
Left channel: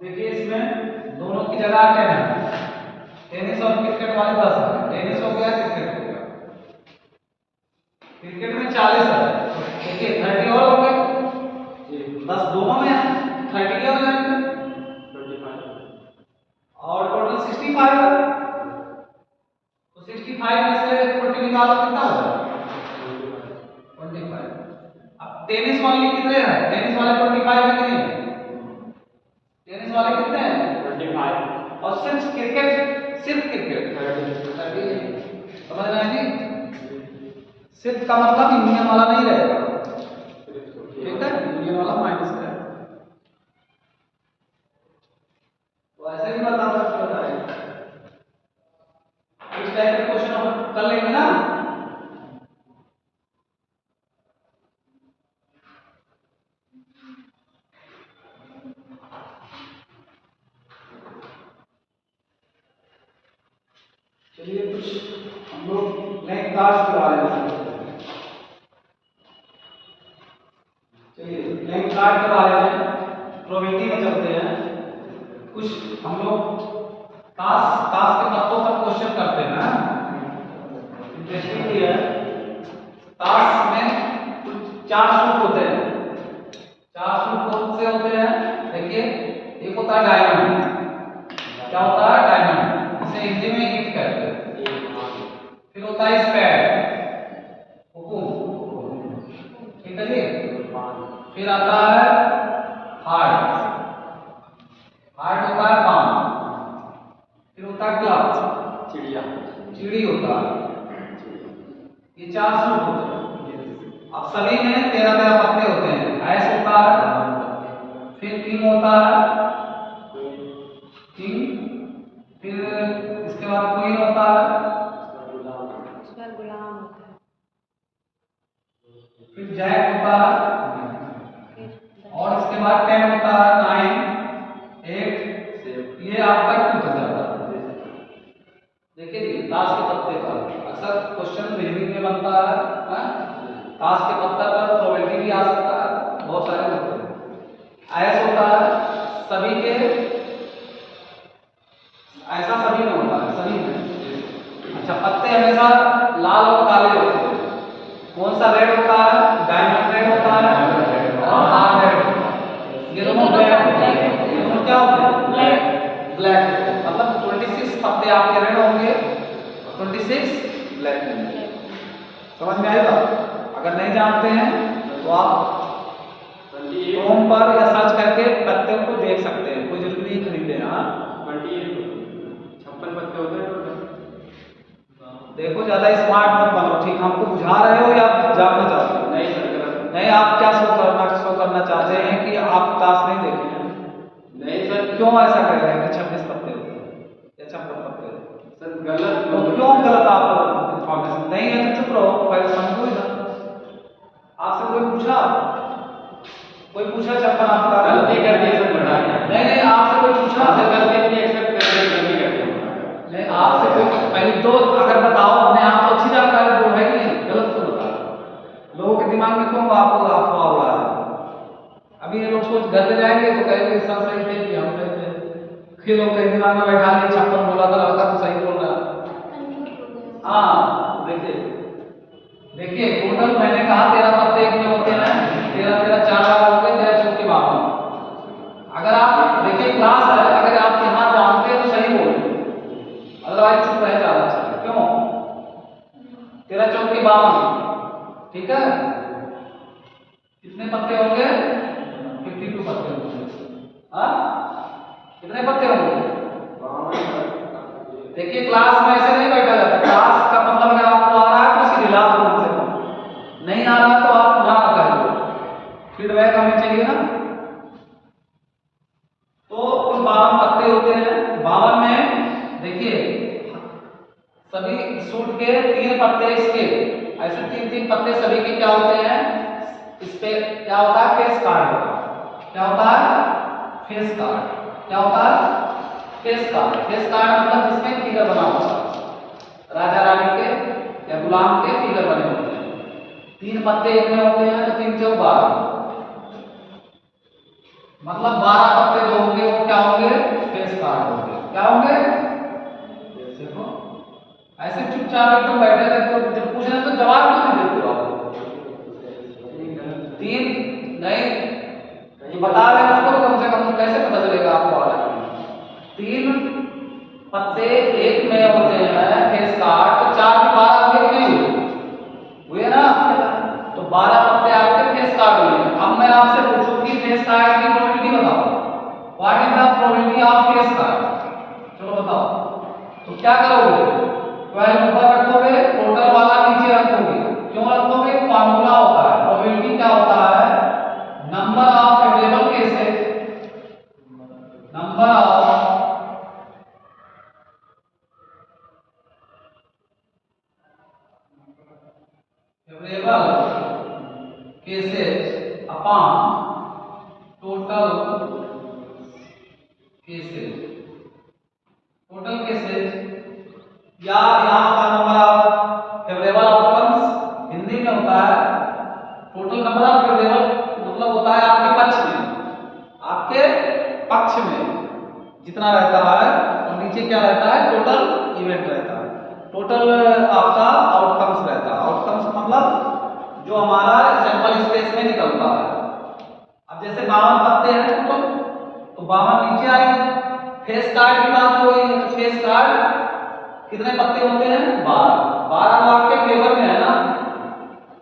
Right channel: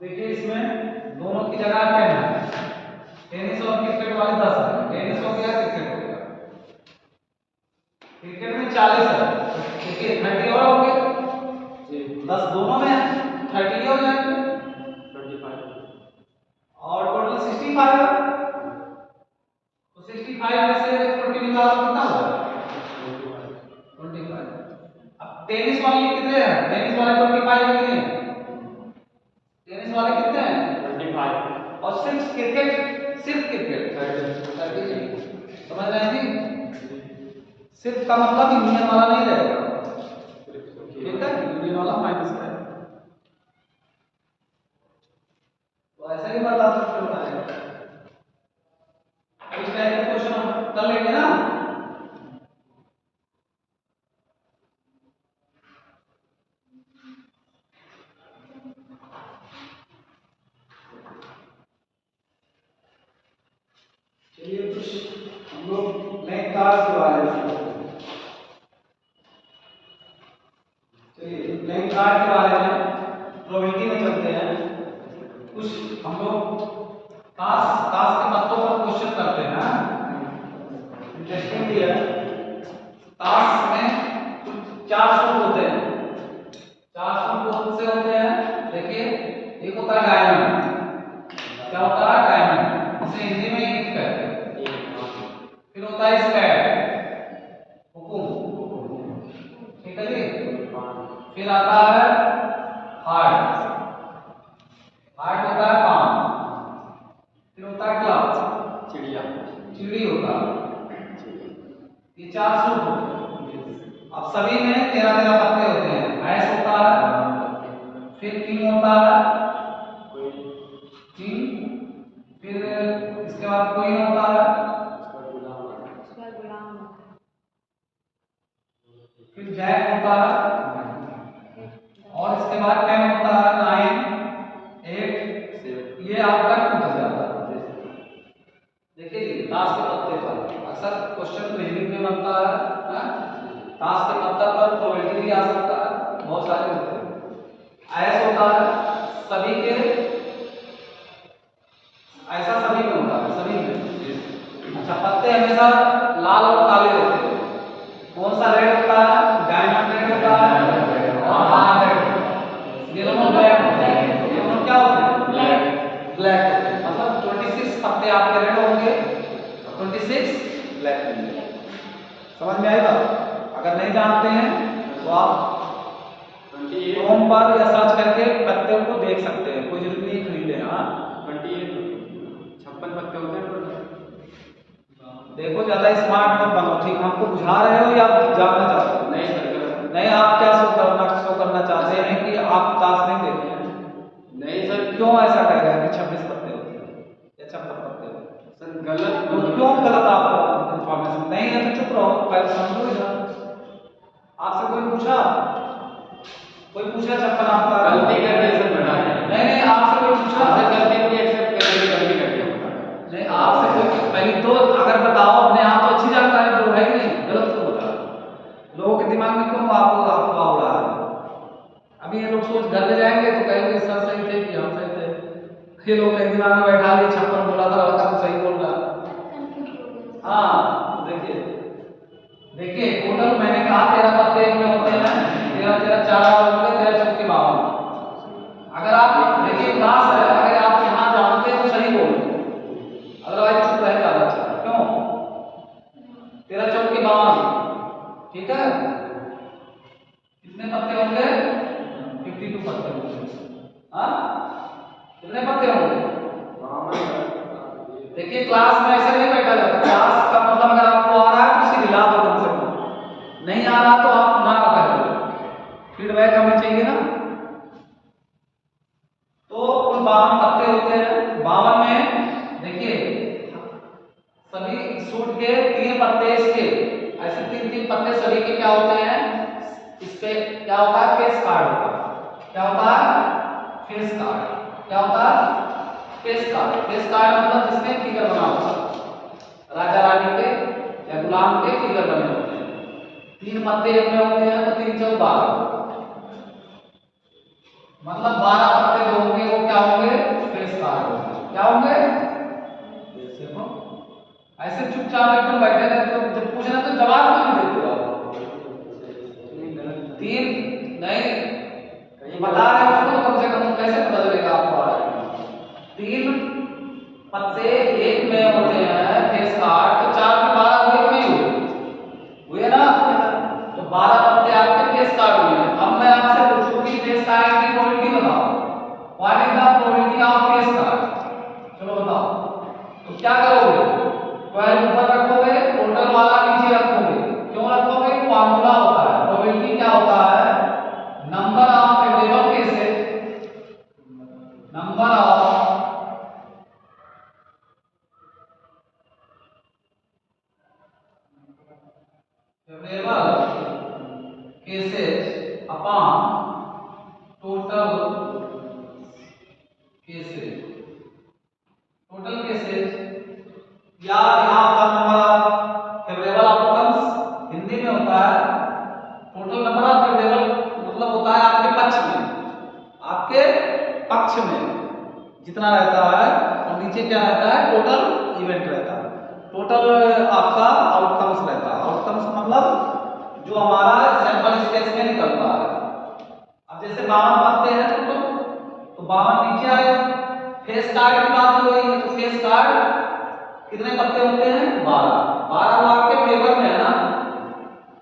देखिए इसमें दोनों की जगह 10 है, टेनिस और क्रिकेट वाले 10 है, टेनिस हो गया, क्रिकेट हो गया। क्रिकेट में 40 है, देखिए 30 और हो गए, 10 दोनों में है, 30 हो जाएंगे 25 और टोटल 65 है। तो 65 में से 40 निकालो, कितना होगा 25। अब टेनिस वाले कितने हैं, टेनिस वाले 25 है कि नहीं, टेनिस वाले कितने हैं 25 और सिर्फ क्रिकेट, सिर्फ क्रिकेट 30। समझ रहे हैं जी, सिर्फ का मतलब यूनियन वाला नहीं रहेगा, ठीक है, यूनियन वाला माइनस है। तो ऐसे ही बता सकते हो ना, इस टाइप के क्वेश्चन हम कर लेंगे ना। चलिए कुछ हम लोग नए कार्ड्स के बारे में सोचते हैं। चलिए नए कार्ड के बारे में प्रोबेबिलिटी में चलते हैं। कुछ हम लोग ताश ताश के पत्तों पर क्वेश्चन करते हैं ना, इंटरेस्टिंग है। ताश में कुछ 4 सूट होते हैं, 4 सूट कौन से होते हैं, देखिए एक होता है डायमंड, क्या होता है डायमंड, इसे हिंदी में ईंट कहते हैं। फिर होता है स्पैड, हुकुम, ठीक है जी। फिर आता है हार्ड, हार्ड होता है पाम। फिर होता है क्लब, चिड़िया, चिड़ी होता है। ये 4 सूट होते हैं। अब सभी में 13-13 पत्ते होते हैं। ऐस होता है, फिर किंग होता है, किंग, फिर इसके बाद क्वीन होता है, उसका गुलाम होता है, फिर जैक होता है, और इसके बाद 10 होता है, 9, 8, ये आपका टूट जाता है। देखिए जी ताश के पत्ते पर अक्सर क्वेश्चन रीजनिंग में बनता है, ताश के पत्ते पर प्रोबेबिलिटी भी आ सकता है, बहुत सारे होते हैं। ऐस होता है सभी के, ऐसा सभी में होता है, सभी में। अच्छा पत्ते हमेशा लाल और काले होते हैं, कौन सा रेड होता है, डायमंड रेड होता है और हार्ड रेड होता है, ये दोनों ब्लैक होते हैं। ये दोनों क्या होते हैं, ब्लैक, ब्लैक होते हैं। मतलब 26 पत्ते आपके रेड होंगे, 26 ब्लैक होंगे। समझ में आएगा। अगर नहीं जानते हैं तो आप क्रोम पर या सर्च करके पत्तों को देख सकते हैं, कोई जरूरी नहीं खरीदे। हाँ 56 पत्ते होते हैं टोटल। देखो ज्यादा स्मार्ट मत बनो, ठीक, हमको बुझा रहे हो या जानना चाहते हो? नहीं सर, नहीं, आप क्या शो करना चाहते हैं कि आप ताश नहीं देखे हैं? नहीं सर, क्यों ऐसा कह रहे हैं कि 26 पत्ते होते हैं या 56 पत्ते होते हैं? सर गलत, तो क्यों गलत आपको इंफॉर्मेशन नहीं है तो चुप रहो, पहले समझो इधर। आपसे कोई पूछा 56 आपका गलती करके सब घटा दिया। नहीं नहीं, आपसे कोई पूछा सर गलती अपनी एक्सेप्ट कर रहे, गलती कर दिया। नहीं, आपसे कोई पहले तो अगर बताओ अपने आप तो अच्छी जानकारी दो, है कि नहीं, गलत क्यों बता रहे हो? लोगों के दिमाग में क्यों आप अफवाह उड़ा रहे हो? अभी ये लोग सोच घर पे जाएंगे तो कहेंगे सर सही थे कि हम सही थे। ये लोग कहीं दिमाग में बैठा लिए 56 बोला था लड़का तो सही बोल रहा है। हाँ तो देखिए टोटल मैंने कहा 13 पत्ते एक में होते हैं, 13 4 बार होंगे, 13 चौके 52। अगर आप देखिए क्लास है, अगर आप यहाँ जानते तो सही बोल, अदरवाइज चुप रहे ज्यादा अच्छा है। क्यों 13 चौके 52, ठीक है, कितने पत्ते होंगे, 52 पत्ते होंगे। हाँ कितने पत्ते होंगे? देखिए क्लास में ऐसे नहीं बैठा जाता, क्लास का मतलब अगर आपको आ रहा है तो उसे हिला दो कम से कम, नहीं आ रहा फीडबैक हमें चाहिए ना। तो कुल 52 पत्ते होते हैं। 52 में देखिए सभी सूट के 3 पत्ते इसके, ऐसे 3-3 पत्ते सभी के क्या होते हैं, इस पे क्या होता है, फेस कार्ड होता है। क्या होता है, फेस कार्ड। क्या होता है, फेस कार्ड। फेस कार्ड मतलब जिसमें फिगर बना होता है, राजा रानी के या गुलाम के फिगर बने होते हैं। 3 पत्ते एक में होते हैं तो 3 चौक 12, मतलब 12 पत्ते जो होंगे वो क्या होंगे, फेस कार्ड होंगे। क्या होंगे, देखो ऐसे चुपचाप एकदम बैठे रहते हो, जब पूछ रहे तो जवाब क्यों नहीं देते हो आप? 3 नहीं, जो बता रहे हैं उसको कम से कम कैसे पता चलेगा आपको? 3 पत्ते एक में होते हैं फेस कार्ड, तो 4 के 12 हुए कि नहीं हुए? हुए ना, तो 12 पत्ते आपके फेस कार्ड हुए। अब मैं आपसे पूछूं कि फेस कार्ड की प्रोबेबिलिटी बताओ, what is the probability of face card? चलो बताओ। तो क्या करोगे, 12 ऊपर रखोगे, टोटल वाला नीचे रखोगे। क्यों रखोगे, फॉर्मूला होता है। प्रोबेबिलिटी क्या होता है, number of favourable cases, number of favourable cases upon total cases. Total cases या यहाँ का number of favourable outcomes Hindi में होता है टोटल नंबर ऑफ फेवरेबल, मतलब होता है आपके पक्ष में, आपके पक्ष में जितना रहता है, और नीचे क्या रहता है, टोटल इवेंट रहता है, टोटल आपका आउटकम्स रहता है। आउटकम्स मतलब जो हमारा सैंपल स्पेस में निकलता है। अब जैसे 52 पत्ते हैं तो 52 नीचे आएगा। फेस कार्ड की बात हो रही है तो फेस कार्ड कितने पत्ते होते हैं, 12। 12 तो आपके फेवर में है ना,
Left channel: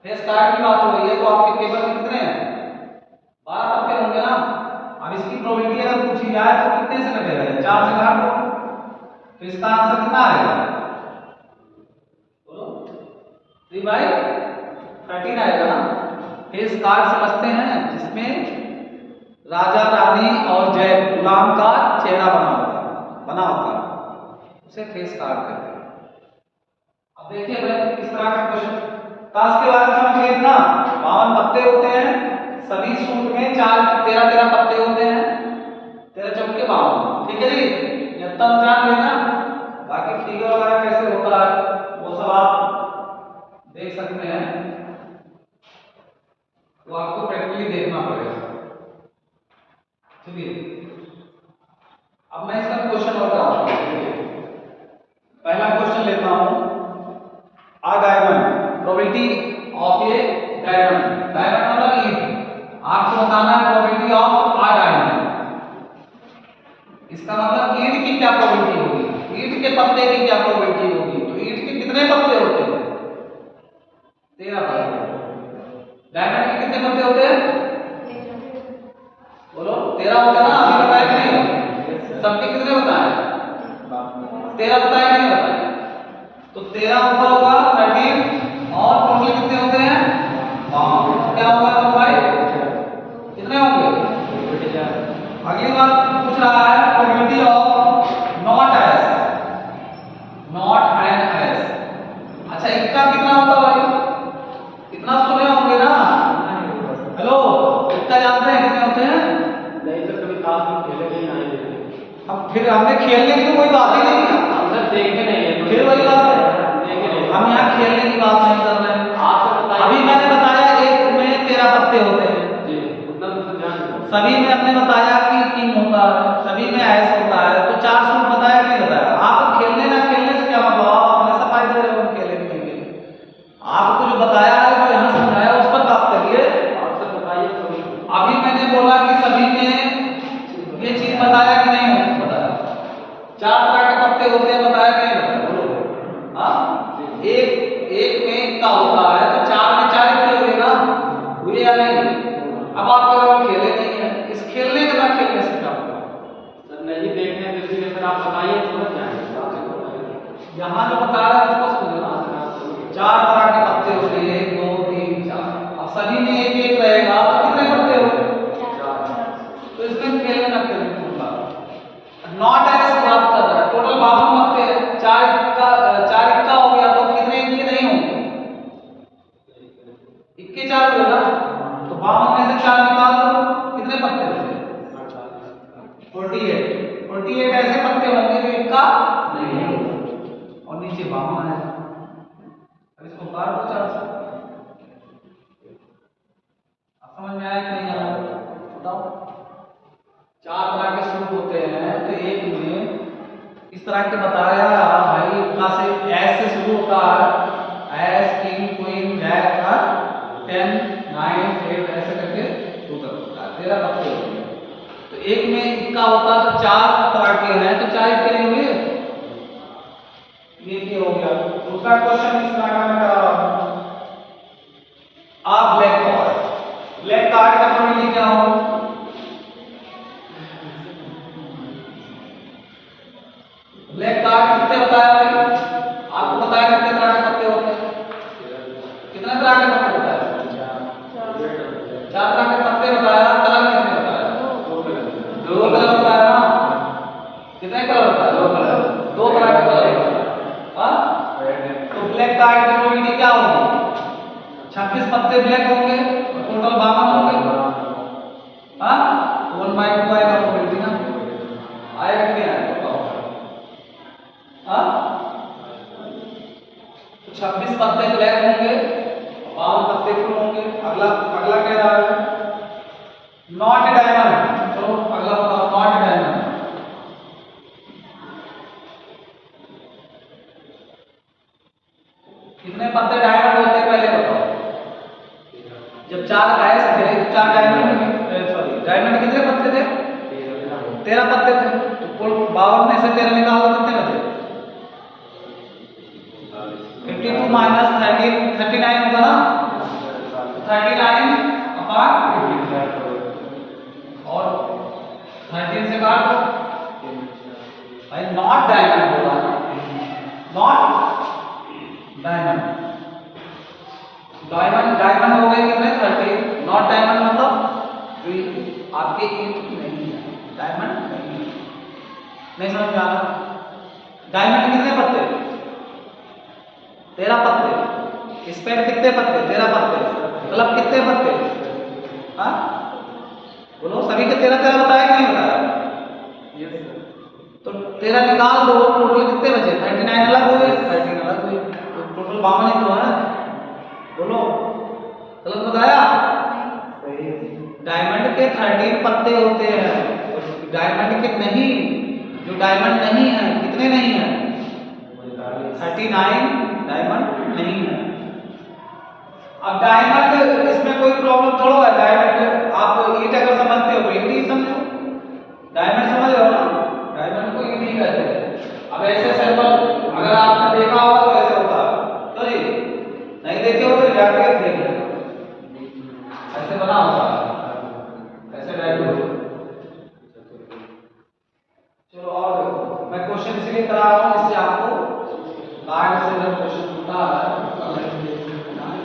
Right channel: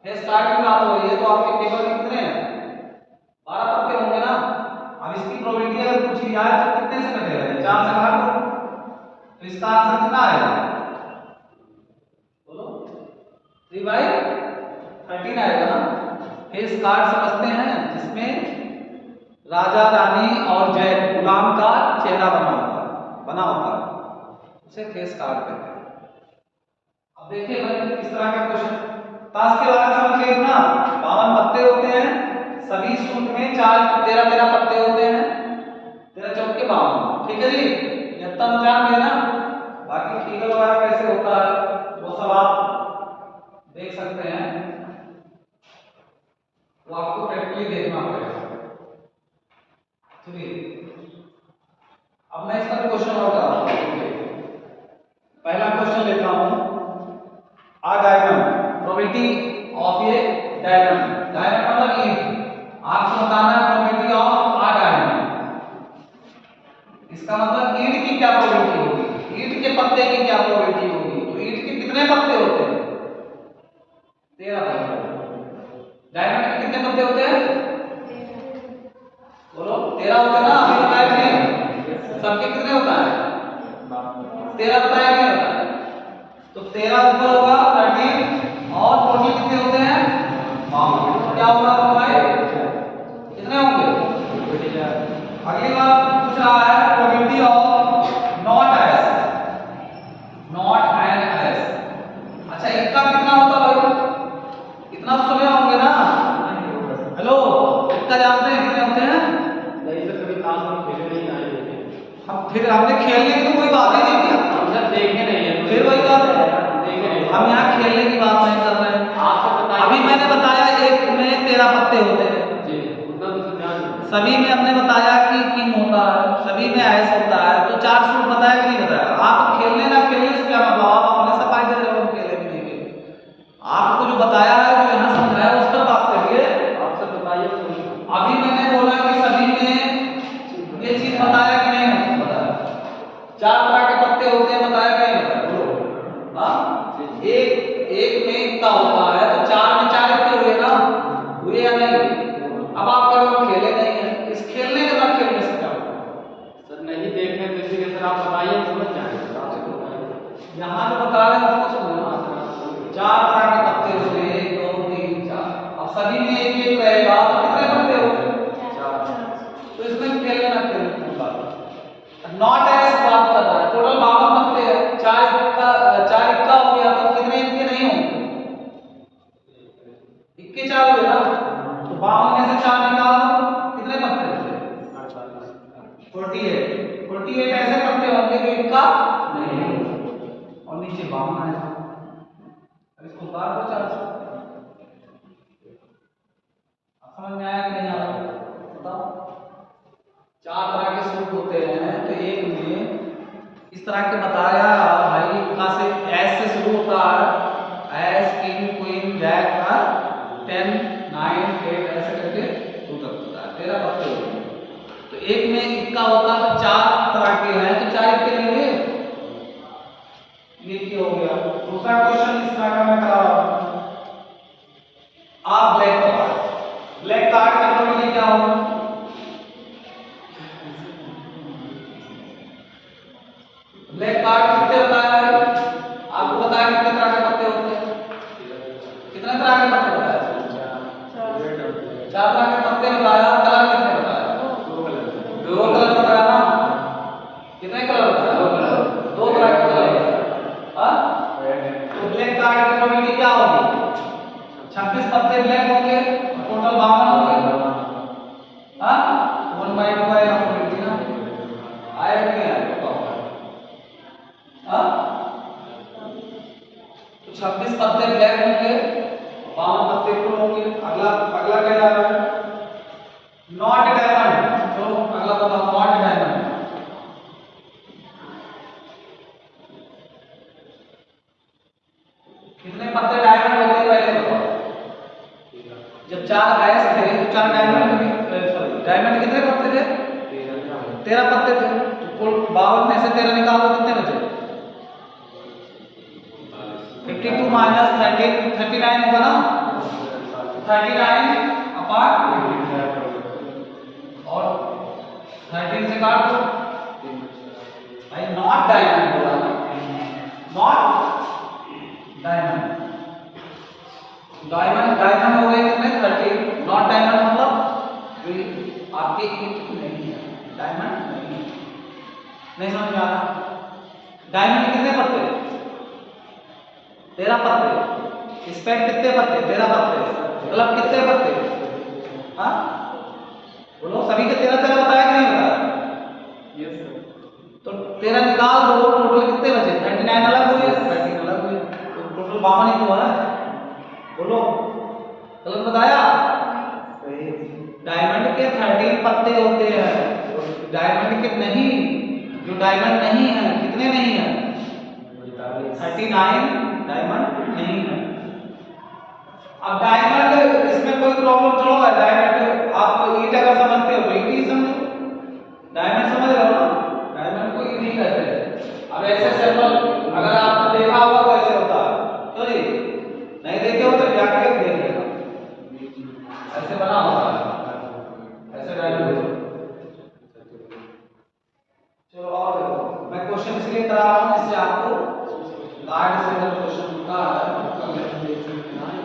फेस कार्ड की बात हो रही है तो आपके फेवर में कितने हैं, 12 पत्ते होंगे ना। अब इसकी प्रोबेबिलिटी अगर पूछी जाए तो कितने से कटेगा, 4 से काट दो, तो इसका आंसर कितना आएगा, बोलो 3/13 आएगा ना। फेस कार्ड समझते हैं जिसमें राजा रानी और जय गुलाम का चेहरा बना होता है, उसे फेस कार्ड कहते हैं। अब देखिए मैं किस तरह का क्वेश्चन, ताश के बारे में समझ गए ना। 52 पत्ते होते हैं, सभी सूट में 13 पत्ते होते हैं, 13 चौक के 52, ठीक है जी, ये तब जान गए ना। बाकी फिगर वगैरह कैसे होता है वो सब आप देख सकते हैं, तो आपको प्रैक्टिकली देखना पड़ेगा। चलिए अब मैं इसका क्वेश्चन और कराता हूं। पहला क्वेश्चन लेता हूं, a diamond, probability of a diamond. Diamond मतलब ईंट, आपको बताना है प्रोबेबिलिटी ऑफ आ डायमंड। इसका मतलब ईंट की क्या प्रोबेबिलिटी होगी, ईंट के पत्ते की क्या प्रोबेबिलिटी होगी। तो ईंट के कितने पत्ते होते हैं, 13 पत्ते। डायमंड के कितने पत्ते होते हैं, बोलो 13 होते ना, अभी बताया कि नहीं, सबके कितने बताए, 13 बताए कि नहीं बताए। तो 13 ऊपर होगा 13 और टोटल कितने होते हैं, 52। क्या होगा तो भाई कितने होंगे। अगली बात पूछ रहा है probability of not S, not and S. अच्छा इक्का कितना होता भाई, इतना तो सुने होंगे ना, हेलो इक्का जानते हैं कितने होते हैं, नहीं सर कभी खास में खेले नहीं आएंगे। हम फिर हमने खेलने की तो कोई बात ही नहीं किया, हम सर देखे नहीं है, फिर वही बात है, देखे नहीं। हम यहाँ खेलने की बात नहीं कर रहे हैं। आपसे बताइए, अभी मैंने बताया एक में 13 पत्ते होते हैं, जी उतना तो ध्यान दो। सभी में हमने बताया कि किंग होता है, सभी में ऐस होता है, तो 4 सूट बताया कि नहीं बताया। आप खेलने ना खेलने से क्या मतलब, आप अपने से फायदे दे रहे हो, खेले कि नहीं खेले। आपको जो बताया है, जो यहाँ समझाया उस पर बात करिए। आपसे बताइए अभी मैंने बोला कि सभी में ये चीज बताया कि नहीं बताया, 4 तरह के पत्ते होते हैं, बताया कि नहीं बताया, बोलो। हाँ एक में इतना होता है तो 4 में 4 इतने हुए ना, हुए या नहीं हुए। अब आप कह रहे हो खेले नहीं है, इस खेलने के ना खेलने से क्या होगा सर, नहीं देखने तो इसीलिए सर आप बताइए, समझ जाएंगे। यहाँ जो बता रहे हैं उसको सुनो ना, 4 तरह के पत्ते होते हैं, 1 2 3 4। अब सभी में एक एक रहेगा तो कितने पत्ते तो 52 में से 4 निकाल दो, कितने पत्ते बचे? 48। 48 ऐसे पत्ते होंगे जो इक्का नहीं होगा, और नीचे 52 है। अब इसको काट दो 4 से। समझ में आया कि नहीं आया बताओ? 4 तरह के सूत्र होते हैं, तो एक में इस तरह के बताया भाई, कहाँ से एस से शुरू होता है, एस किंग क्वीन जैक का 10 9 8 ऐसे करके उधर होता है, 13 पत्ते होते हैं। तो एक में इक्का होता है, तो 4 तरह के हैं, तो 4 इक्के नहीं हुए, ये क्या हो गया। दूसरा क्वेश्चन इस तरह का मैं करा रहा हूं, आप ब्लैक कार्ड का प्रोबेबिलिटी क्या होगा? ब्लैक कार्ड कितने बताया भाई? आपको बताया कितने तरह के पत्ते होते हैं? कितने तरह के पत्ते बताया? 4 तरह के पत्ते बताया। कलर कितने बताया? 2 कलर बताया ना? कितने कलर बताया? 2 कलर, 2 तरह के कलर बताया। हाँ, तो ब्लैक कार्ड की प्रोबेबिलिटी क्या होगी? 26 पत्ते ब्लैक होंगे, टोटल 52 होंगे। हाँ, 1/2 आएगा प्रोबेबिलिटी ना, आएगा कि नहीं आएगा? हाँ, तो 26 पत्ते ब्लैक होंगे, 52 पत्ते फुल होंगे। अगला क्या जा रहा है? Not diamond. चलो अगला बताओ, नॉट डायमंड। कितने पत्ते डायमंड होते हैं पहले बताओ? जब 4 आयस थे, 4 डायमंड, सॉरी डायमंड कितने पत्ते थे? 13 पत्ते थे। तो कुल 52 में से 13 निकाल दो, कितने बचे? 52 माइनस 13 39 होगा ना, 39 अपार्ट और 13 से काट दो भाई। नॉट डायमंड बोला, नॉट डायमंड। डायमंड हो गए कितने? 13। नॉट डायमंड मतलब जो आपके ईंट नहीं है, डायमंड नहीं समझ में आ रहा? डायमंड कितने पत्ते? 13 पत्ते। स्पेड कितने पत्ते? 13 पत्ते। क्लब कितने पत्ते? हाँ बोलो, सभी के 13 बताया कि नहीं बताया? Yes sir. तो 13 निकाल दो, टोटल कितने बचे? 39 अलग हुए, 13 अलग हुए, तो टोटल 52 ही तो है। बोलो, गलत बताया? सही। डायमंड के 13 पत्ते होते हैं, डायमंड के नहीं, जो डायमंड नहीं है, कितने नहीं है? 39 डायमंड नहीं है। अब डायमंड, इसमें कोई प्रॉब्लम थोड़ा है। डायमंड आप ईंट अगर समझते हो तो ईंट ही समझो, डायमंड समझ रहे हो ना, डायमंड को ईंट ही कहते हैं। अब ऐसे सैंपल अगर आपने देखा होगा तो ऐसे होता है, तो जी नहीं देखे हो तो जाके देख लेना, ऐसे बना होता है, ऐसे डायमंड। चलो और देखो, मैं क्वेश्चन इसलिए करा रहा हूं इससे आपको कार्ड से अगर क्वेश्चन होता है तो हमें देखना है।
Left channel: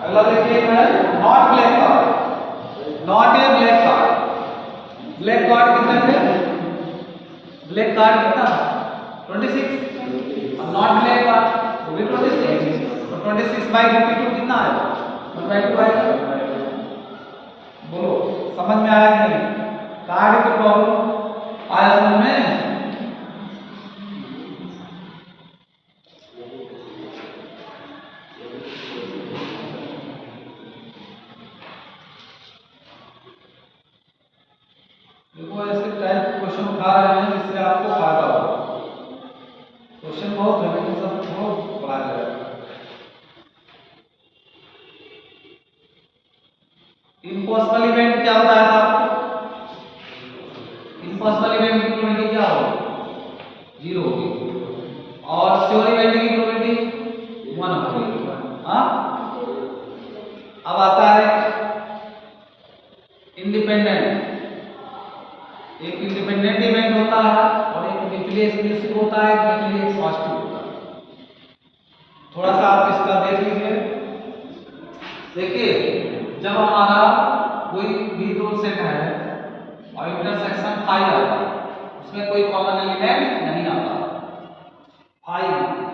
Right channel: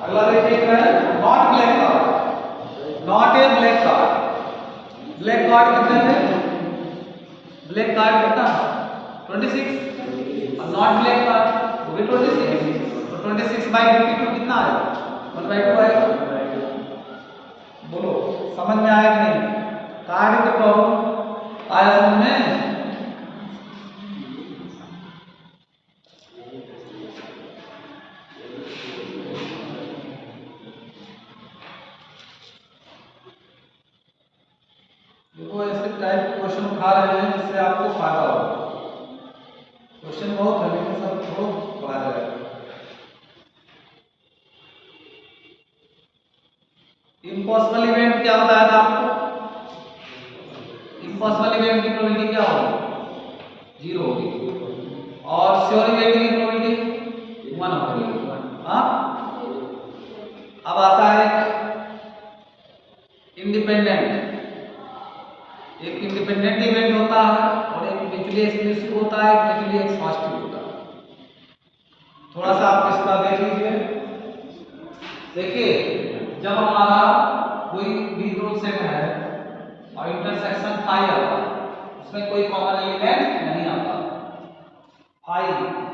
अगला देखिए, not black card, not a black card. Black card कितने थे? ब्लैक कार्ड कितना? 26। और नॉट ब्लैक कार्ड वो भी 26, तो 26/52 कितना है? 1/2 है। बोलो समझ में आया कि नहीं? कार्ड के प्रॉब्लम आया समझ में? देखो ऐसे टाइप क्वेश्चन उठा रहे हैं जिससे आपको फायदा हो। क्वेश्चन बहुत है लेकिन सब बहुत बड़ा है। इम्पॉसिबल इवेंट क्या बताया था आपको? इम्पॉसिबल इवेंट की प्रोबेबिलिटी क्या होगी? 0 होगी। और श्योर इवेंट की प्रोबेबिलिटी थोड़ा सा आप इसका देख लीजिए। देखिए जब हमारा कोई भी दो सेट है और इंटरसेक्शन फाई आता है, उसमें कोई कॉमन एलिमेंट नहीं आता। फाई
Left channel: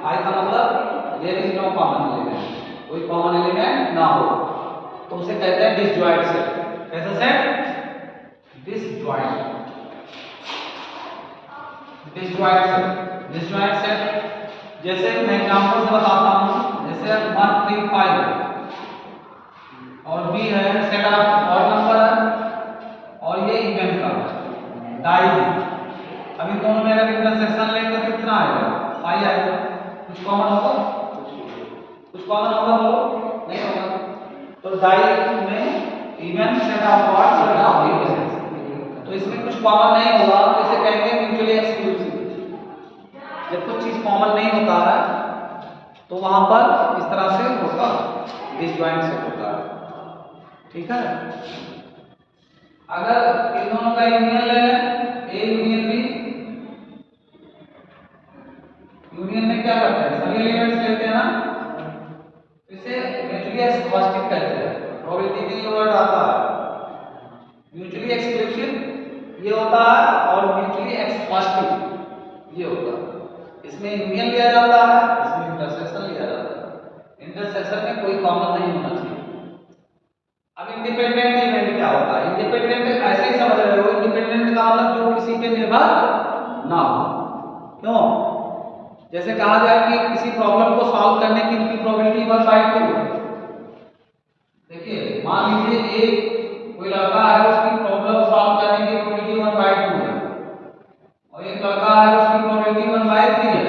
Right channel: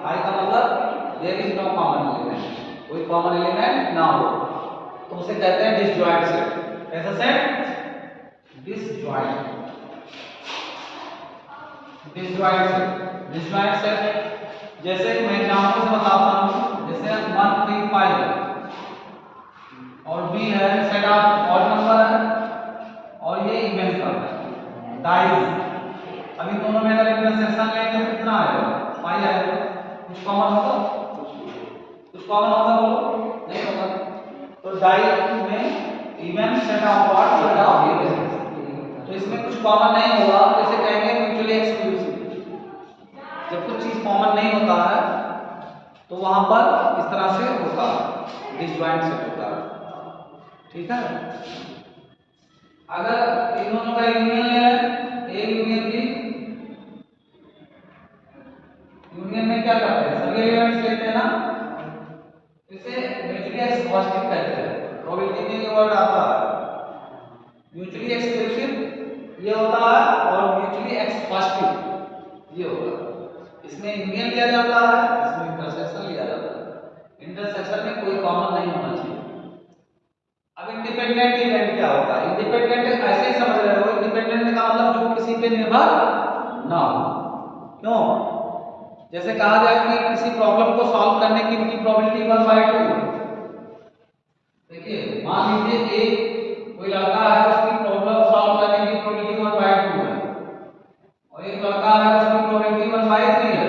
फाई का मतलब there is no common element, कोई कॉमन एलिमेंट ना हो तो उसे कहते हैं डिसजॉइंट सेट। कैसा सेट? Disjoint. Disjoint set. Disjoint set जैसे मैं एग्जांपल से बताता हूं, जैसे 1 3 5 और बी है सेट ऑफ ऑड नंबर है और ये इवन का है डाइज। अब इन दोनों में अगर इंटरसेक्शन लेंगे तो कितना आएगा? 5 आएगा। कुछ कॉमन होगा? कुछ कॉमन होगा? बोलो नहीं होगा। तो डाइज में even set of odd set of even, तो इसमें कुछ कॉमन नहीं होगा तो इसे कहेंगे म्यूचुअली एक्सक्लूसिव। जब कुछ चीज कॉमन नहीं होता है तो वहां पर इस तरह से होता है, डिसजॉइंट सेट होता है। ठीक है। अगर इन दोनों का यूनियन ले लें, ए यूनियन बी, यूनियन में क्या करते हैं? सभी एलिमेंट्स लेते हैं ना, इसे म्यूचुअली एक्सक्लूसिव कहते हैं। प्रोबेबिलिटी में ये वर्ड आता है। म्यूचुअली एक्सक्लूसिव ये होता है और म्यूचुअली एक्सक्लूसिव ये होता है। इसमें यूनियन लिया जाता है, इसमें इंटरसेक्शन लिया जाता है। इंटरसेक्शन में कोई कॉमन नहीं होना चाहिए। अब इंडिपेंडेंट इवेंट क्या होता है? इंडिपेंडेंट ऐसे ही समझ रहे हो, इंडिपेंडेंट का मतलब जो किसी पे निर्भर ना हो। क्यों? जैसे कहा जाए कि किसी प्रॉब्लम को सॉल्व करने की इनकी प्रोबेबिलिटी 1/2 है। देखिए मान लीजिए एक कोई लड़का है, उसकी प्रॉब्लम सॉल्व करने की प्रोबेबिलिटी 1/2 है और एक लड़का है उसकी प्रोबेबिलिटी 1/3 है,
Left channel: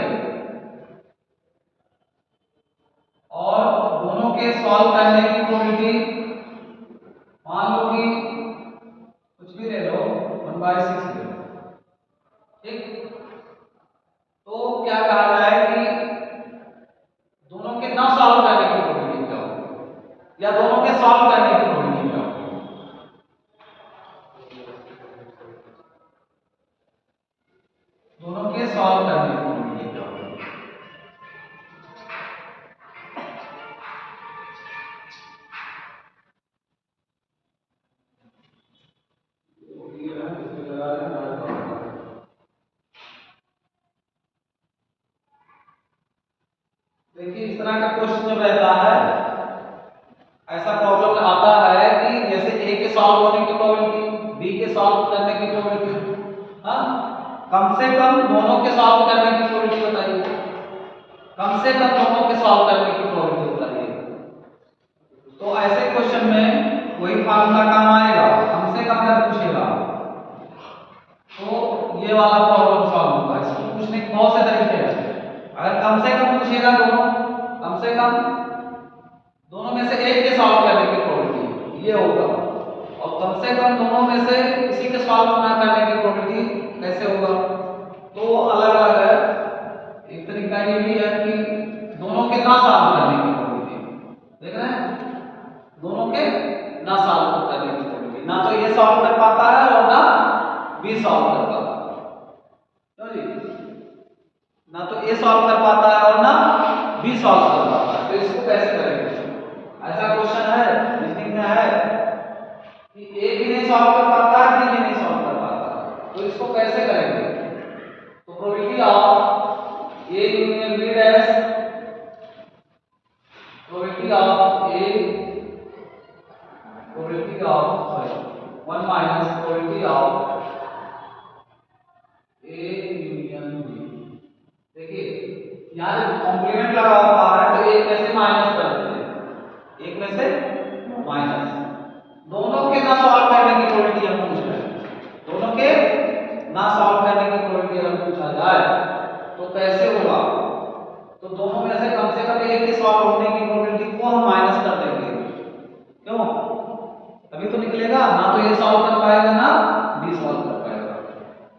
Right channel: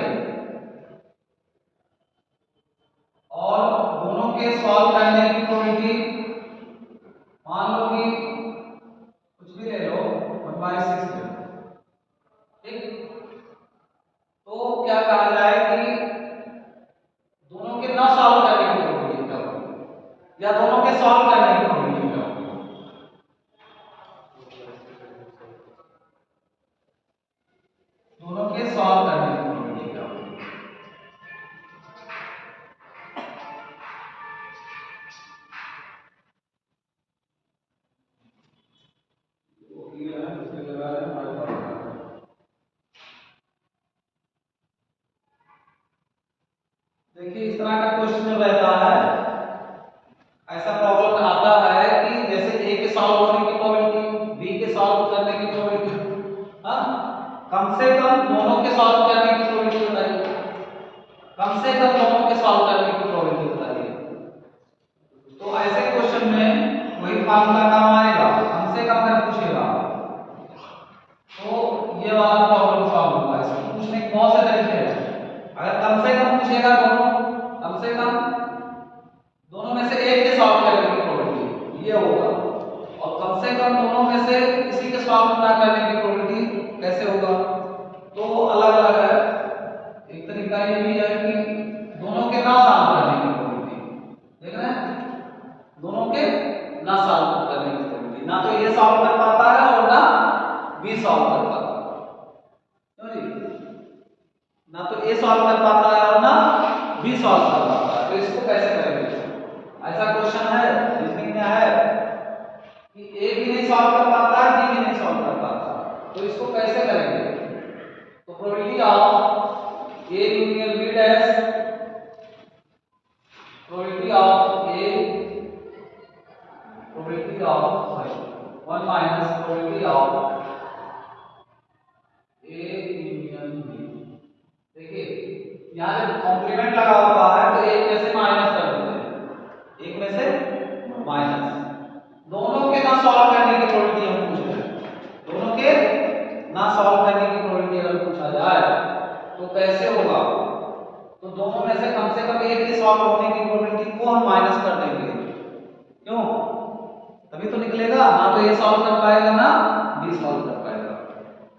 और दोनों के सॉल्व करने की प्रोबेबिलिटी मान लो कि कुछ भी ले लो 1/6 ले लो। ठीक, तो क्या कहा जाए कि दोनों के ना सॉल्व करने की प्रोबेबिलिटी क्या होगी या दोनों के सॉल्व करने की प्रोबेबिलिटी क्या होगी? दोनों के सॉल्व करने की प्रोबेबिलिटी क्या होगी? देखिए इस तरह का क्वेश्चन रहता है, ऐसा प्रॉब्लम आता है कि जैसे ए के सॉल्व होने की प्रोबेबिलिटी, बी के सॉल्व करने की प्रोबेबिलिटी, हाँ कम से कम दोनों के सॉल्व करने की प्रोबेबिलिटी बताइए। कम से कम दोनों के सॉल्व करने की प्रोबेबिलिटी बताइए। तो ऐसे क्वेश्चन में वही फार्मूला काम आएगा, कम से कम अगर पूछेगा तो ये वाला प्रॉब्लम सॉल्व होगा। इसको पूछने के बहुत से तरीके हैं। अगर कम से कम पूछेगा दोनों, कम से कम दोनों में से एक के सॉल्व करने की प्रोबेबिलिटी ये होगा, और कम से कम दोनों में से किसी के सॉल्व ना करने की प्रोबेबिलिटी कैसे होगा? तो अलग अलग है। एक तरीका ये भी है कि दोनों के ना सॉल्व करने की प्रोबेबिलिटी, देख रहे हैं, दोनों के ना सॉल्व करने की प्रोबेबिलिटी, ना तो ये सॉल्व कर पाता है और ना बी सॉल्व कर पाता है। क्यों जी? ना तो ए सॉल्व कर पाता है और ना बी सॉल्व कर पाता है। तो इसको कैसे करेंगे? ऐसा क्वेश्चन है रीजनिंग में है कि ए भी नहीं सॉल्व कर पाता है, बी भी नहीं सॉल्व कर पाता, तो इसको कैसे करेंगे? तो probability of A union B dash, probability of A, probability of 1 minus probability of A union B. देखिए यहाँ जब कॉम्प्लीमेंट लगा होता है तो एक में से माइनस कर देते हैं, एक में से माइनस। दोनों के ना सॉल्व करने की प्रोबेबिलिटी हम पूछ रहे हैं, दोनों के ना सॉल्व करने की प्रोबेबिलिटी अगर पूछा जाए तो कैसे होगा? तो दोनों में से कम एक के सॉल्व होने की प्रोबेबिलिटी को हम माइनस कर देंगे। क्यों? तभी तो निकलेगा, ना तो ये सॉल्व कर पाएगा ना बी सॉल्व कर पाएगा।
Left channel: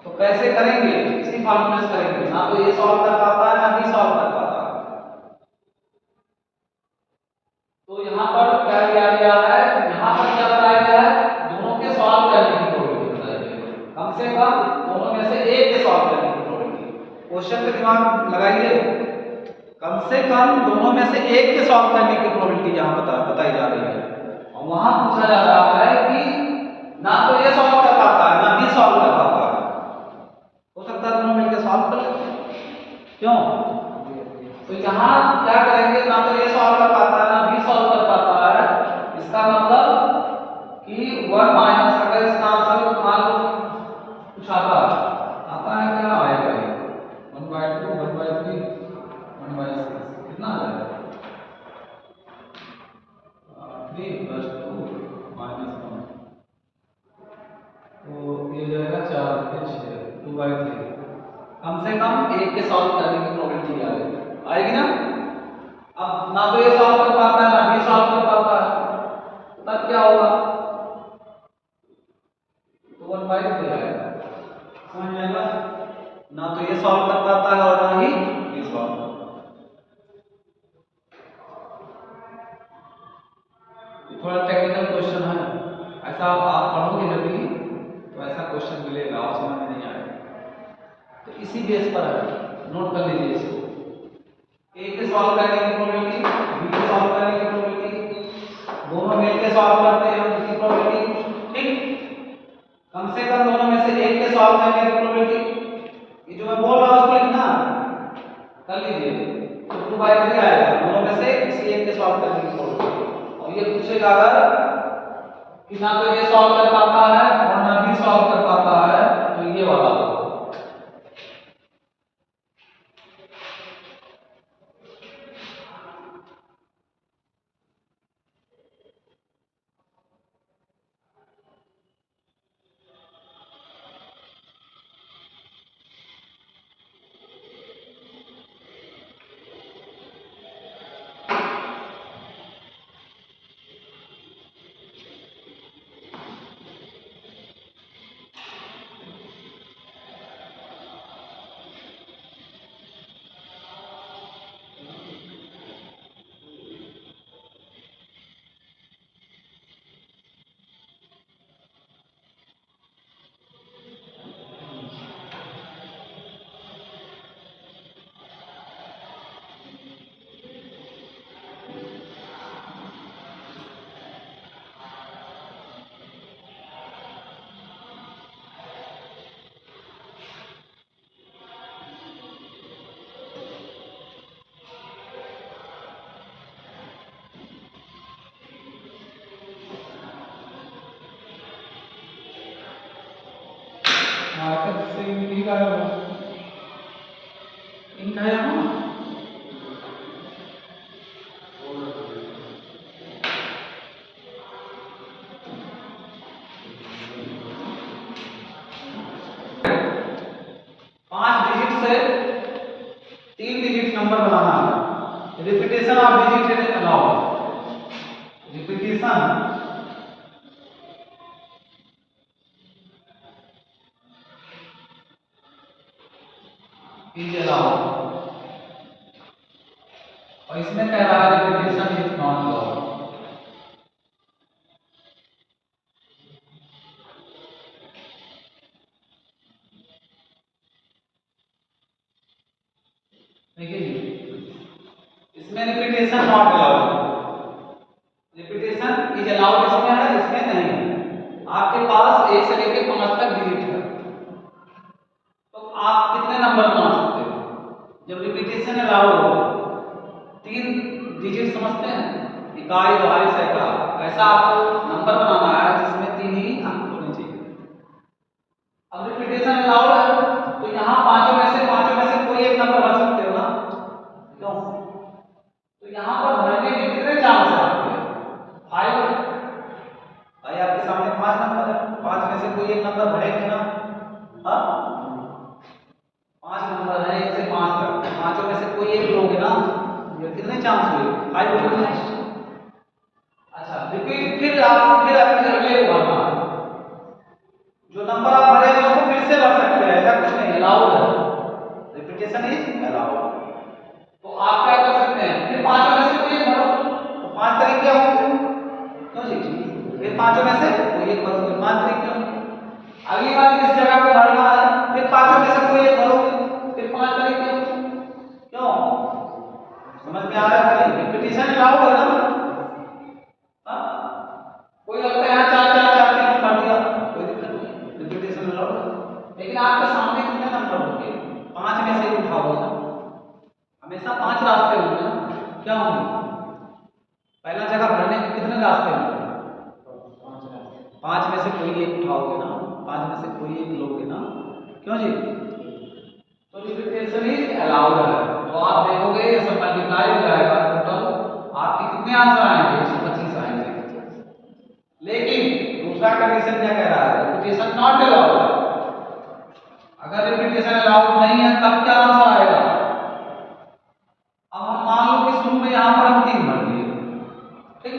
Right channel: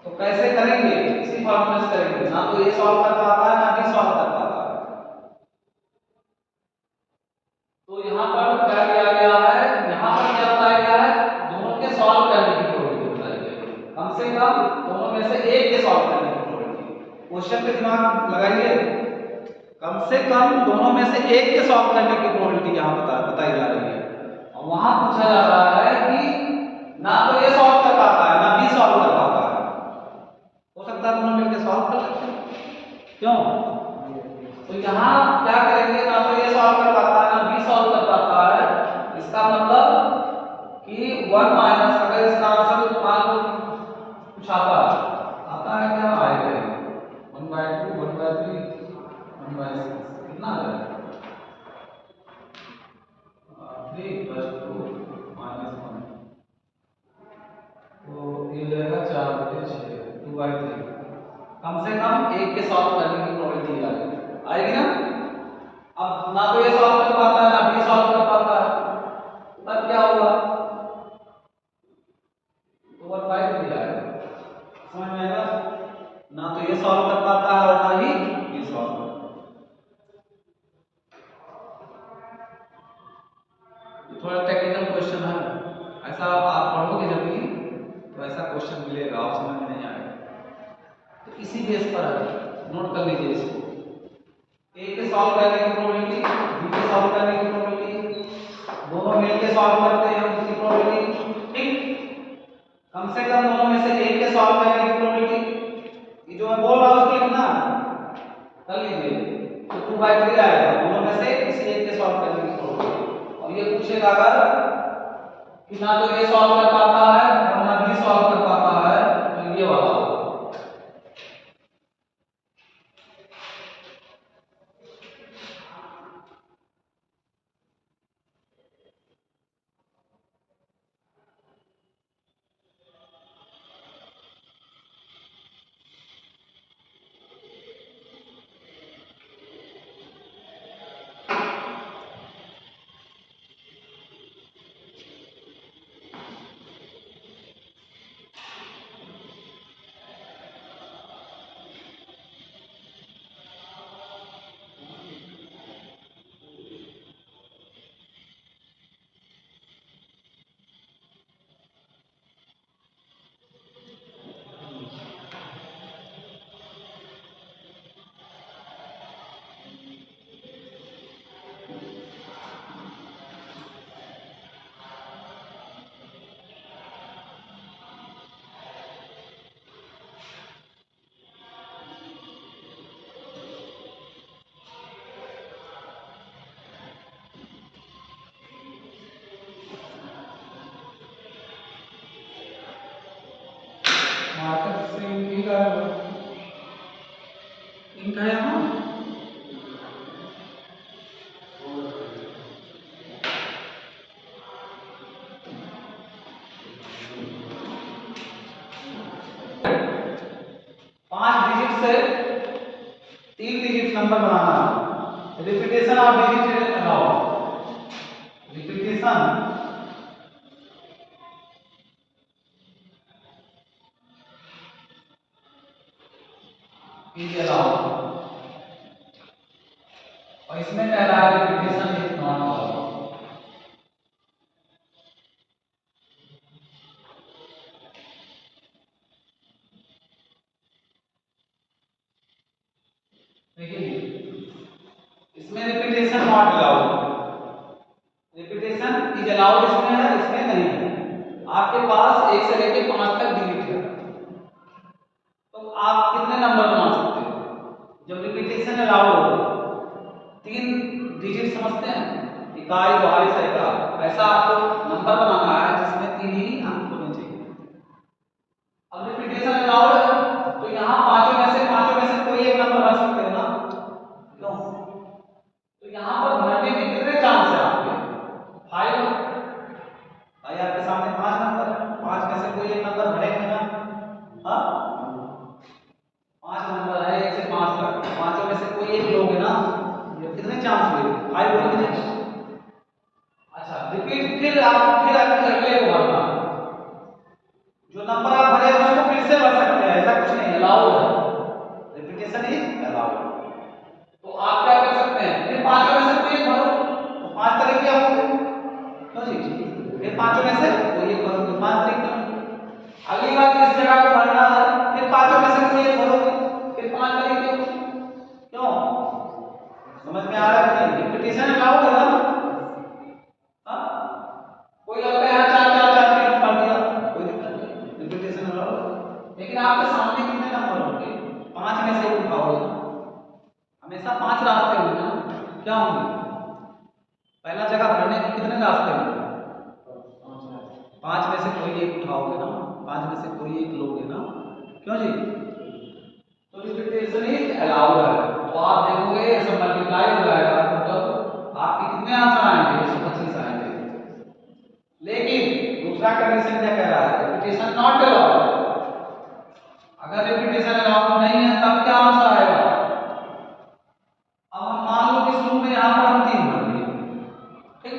तो कैसे करेंगे? इसी फॉर्मूले से करेंगे, ना तो ये सॉल्व कर पाता है ना बी सॉल्व कर पाता है। तो यहाँ पर क्या किया गया है? यहाँ पर क्या बताया गया है? दोनों के सॉल्व करने की प्रोबेबिलिटी बताई गई है, कम से कम दोनों में से एक के सॉल्व करने की प्रोबेबिलिटी। क्वेश्चन पे दिमाग लगाइए, कम से कम दोनों में से एक के सॉल्व करने की प्रोबेबिलिटी यहाँ बताई जा रही है, और वहां पूछा जा रहा है कि ना तो ये सॉल्व कर पाता है ना बी सॉल्व कर पाता है। हो सकता है दोनों मिलकर सॉल्व कर लेते हैं, क्यों? तो यहाँ क्या करेंगे, ना तो ये सॉल्व कर पाता है ना बी सॉल्व कर पाता है, इसका मतलब कि 1 माइनस, अगर इसका आंसर मान लो कुछ आता है क्या आएगा, 1/2 1/3 1/6 कितना आ जाएगा, 3 + 2 - 1, तो ये हो जाएगा 4 × 6 2/3। कम से कम एक के सॉल्व करने की प्रोबेबिलिटी आएगी ना। अब ना तो ये सॉल्व कर पाता है ना बी सॉल्व कर पाता है, तब क्या होगा, तो 1/3 आएगा। समझ में आएगा, ना तो ये सॉल्व कर पाता है और ना ही बी सॉल्व। थोड़ा टेक्निकल क्वेश्चन है, ऐसा आप पढ़ोगे जब भी तो ऐसा क्वेश्चन मिलेगा और समझ में नहीं आएगा, तो इसी बेस पर है, नोट कर लीजिए इसको। ए के सॉल्व करने की प्रोबेबिलिटी, बी के सॉल्व करने की प्रोबेबिलिटी, दोनों मिलके सॉल्व करते हैं उसकी प्रोबेबिलिटी, ठीक। कम से कम दोनों में से एक के सॉल्व करने की प्रोबेबिलिटी, ये जो मैं बोल रहा हूं उसको लिखना कर लीजिए, तो 2/3 आएगा, दोनों में से किसी एक के सॉल्व करने की प्रोबेबिलिटी। और ये पूछेगा अगर कि ना तो ये सॉल्व कर पाता है और ना बी सॉल्व कर पाता है, तो ये वाला होगा। मार्कर से इनका है यहाँ 5 डिजिट से 3 डिजिट नंबर बनाना है। Repetition of digit allow, repetition is allowed, और इसमें कह रहा है रिपीटेशन इज नॉट अलाउड। देखिए इसमें repetition not allowed, repetition is allowed इसमें है, इसमें नहीं है। आपके पास 1 से लेकर 5 तक डिजिट है, तो आप कितने नंबर बना सकते हो जब रिपीटेशन अलाउड हो? 3 डिजिट समझते हैं, इकाई दहाई सैकड़ा, ऐसा आपको नंबर बनाना है जिसमें 3 ही अंक होने चाहिए। अब रिपीटेशन अलाउड है तो यहाँ पांचों में से कोई एक नंबर भर सकते हो ना, क्यों? तो यहाँ पर भरने के कितने चांस है आपके? 5 भाई, आपके सामने 5 नंबर है, 5 में से कोई एक नंबर भरेंगे ना। हाँ, 5 नंबर है 1 से 5 तक, पांचों में से कोई एक लोगे ना, ये कितने चांस हुए? 5 हो गए। अच्छा, रिपीट फिर अपने अगले को भरना, जो नंबर आप भरे उसको फिर से भर सकते हैं, ऐसा कुछ नहीं, अलाउड है, रिपीटेशन इज अलाउड। तो आप क्या कर सकते हैं, फिर पांचों में से कोई एक भरो, तो 5 तरीके होंगे, तो जी फिर पांचों में से कोई एक भरोगे, 5 तरीके होंगे। अगली बार इस जगह को भरना है, फिर पांचों में से कोई एक भरोगे, फिर 5 तरीके होंगे, क्यों? कि नहीं? रिपीटेशन अलाउड है ना? हाँ? कोई लगता है यहाँ 4 4 4 के नंबर दिया, कोई दिक्कत नहीं, रिपीटेशन अलाउड है। लेकिन आपके सामने कितने नंबर होंगे? 5 में से एक उठाओगे ना, हमेशा 5 रास्ते होंगे ना, क्या होंगे? पहला जगह भरने के कितने रास्ते होंगे? 5 में से कोई एक उठाओगे ना, 5 में से कोई एक लोगे ना, क्यों जी? तो रिपीटेशन इज अलाउड है। तो आप देखोगे ये सब मल्टीप्लाई हो जाएगा, टोटल आपके कितने आंसर आएंगे? 125 आएंगे। लेकिन दूसरा कंडीशन क्या कह रहा है? Repetition not allowed. अगर रिपीटेशन अलाउड नहीं है तब क्या आंसर आएगा? अब हम मान लो कि शुरू में यहाँ पर हम 3 भर दिए, ठीक,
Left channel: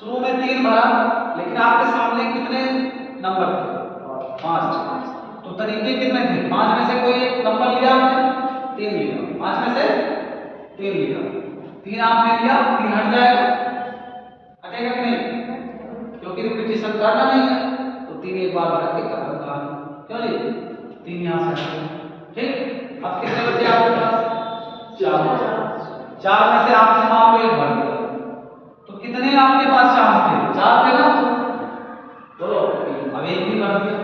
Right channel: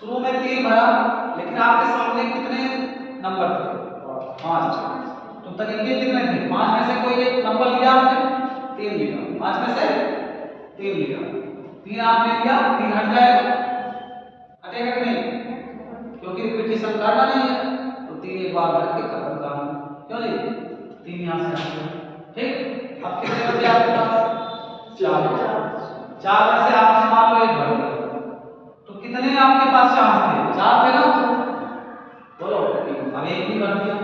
शुरू में 3 भरा, लेकिन आपके सामने कितने नंबर थे? 5 थे। तो तरीके कितने थे? 5 में से कोई एक नंबर लिया आपने, 3 लिया, 5 में से 3 लिया, 3 आपने लिया, 3 हट जाएगा, हटेगा कि नहीं? क्योंकि रिपीटेशन करना नहीं है, तो 3 एक बार भर के खत्म कहानी, क्यों जी? 3 यहाँ से हट गए, ठीक। अब कितने बचे आपके पास? 4 में से आपने मान लो 1 भर दिया, तो कितने आपके पास चांस थे? 4 थे ना, बोलो। अब 1 भी भर दिया,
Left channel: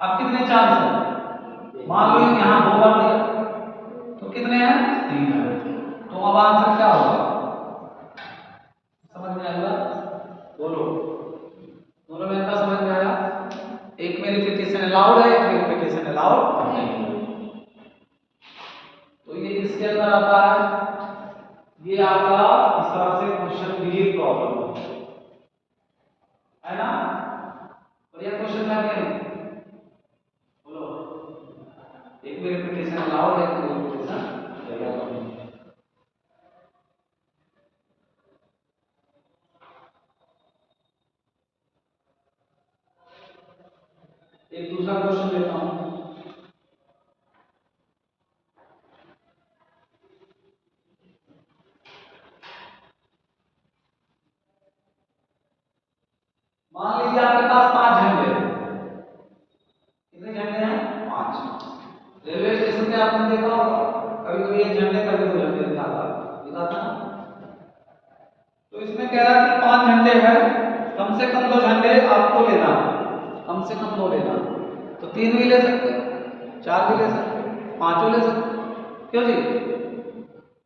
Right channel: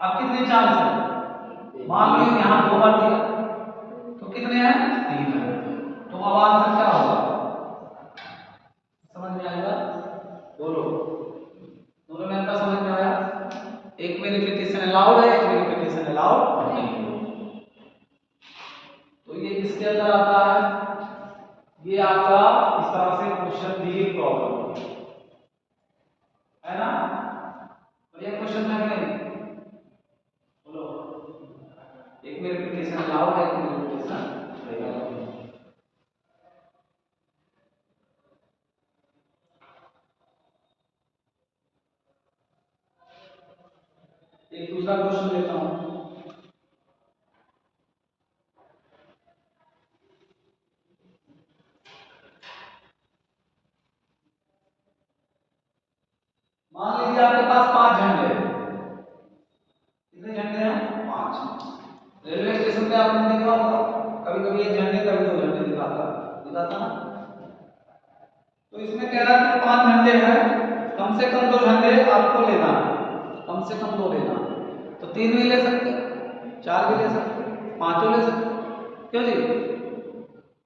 अब कितने चांस है? मान लो यहाँ 2 भर दिया, तो कितने हैं? 3 है। तो अब आंसर क्या होगा? समझ में आएगा? बोलो, दोनों में अंतर समझ में आया? एक में रिपीटेशन अलाउड है, एक में रिपीटेशन अलाउड नहीं है। तो ये किसके अंदर आता है? ये आपका इस तरह से क्वेश्चन डी प्रॉब्लम है ना? तो ये क्वेश्चन था क्या? बोलो, एक में रिपीटेशन अलाउड है, एक में रिपीटेशन अलाउड नहीं है। एक दूसरा क्वेश्चन लेता हूं। मान लीजिए आपके पास 5 झंडे हैं। कितने झंडे हैं? 5। रेलवे स्टेशन पे आपने देखा होगा, कभी कभी 1 झंडे, कभी 2 झंडे दिखाता ना। तो इसमें कह रहा है कि 5 झंडे हैं, कम से कम 2 झंडे आपको लेना है, कम से कम 2 लेना है। तो 3 भी ले सकते हैं, 4 भी ले सकते हैं, 5 ले सकते हैं, क्यों जी?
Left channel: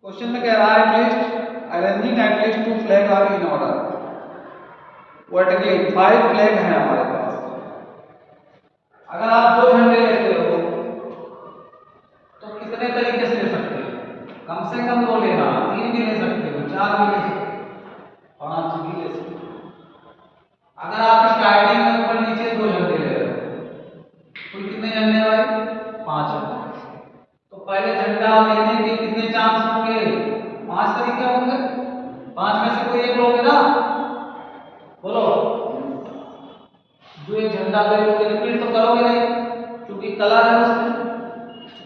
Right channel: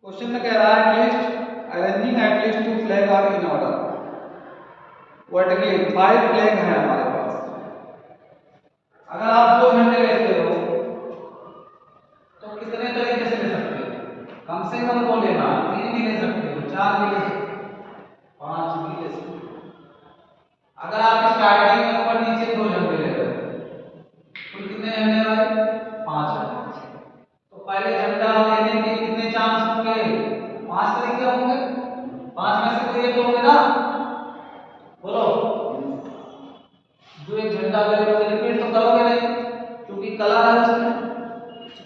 क्वेश्चन में कह रहा है at least arranging at least 2 flag are in order vertically, 5 flag है हमारे पास। अगर आप 2 झंडे लेते हो तो कितने तरीके से ले सकते हो? कम से कम 2 लेना, 3 भी ले सकते हो, 4 भी ले सकते हो, 5 भी ले सकते हो। अगर आप स्टार्टिंग में ऊपर नीचे 2 झंडे ले रहे हो, तो कितने झंडे आए? 5। तो पहले झंडा लेने के कितने चांस होंगे? 5 तरीके होंगे, 5 में से कोई एक लोगे ना, बोलो। जो एक झंडा ले लोगे, रिपीट तो करोगे नहीं, क्योंकि कलर है उसमें,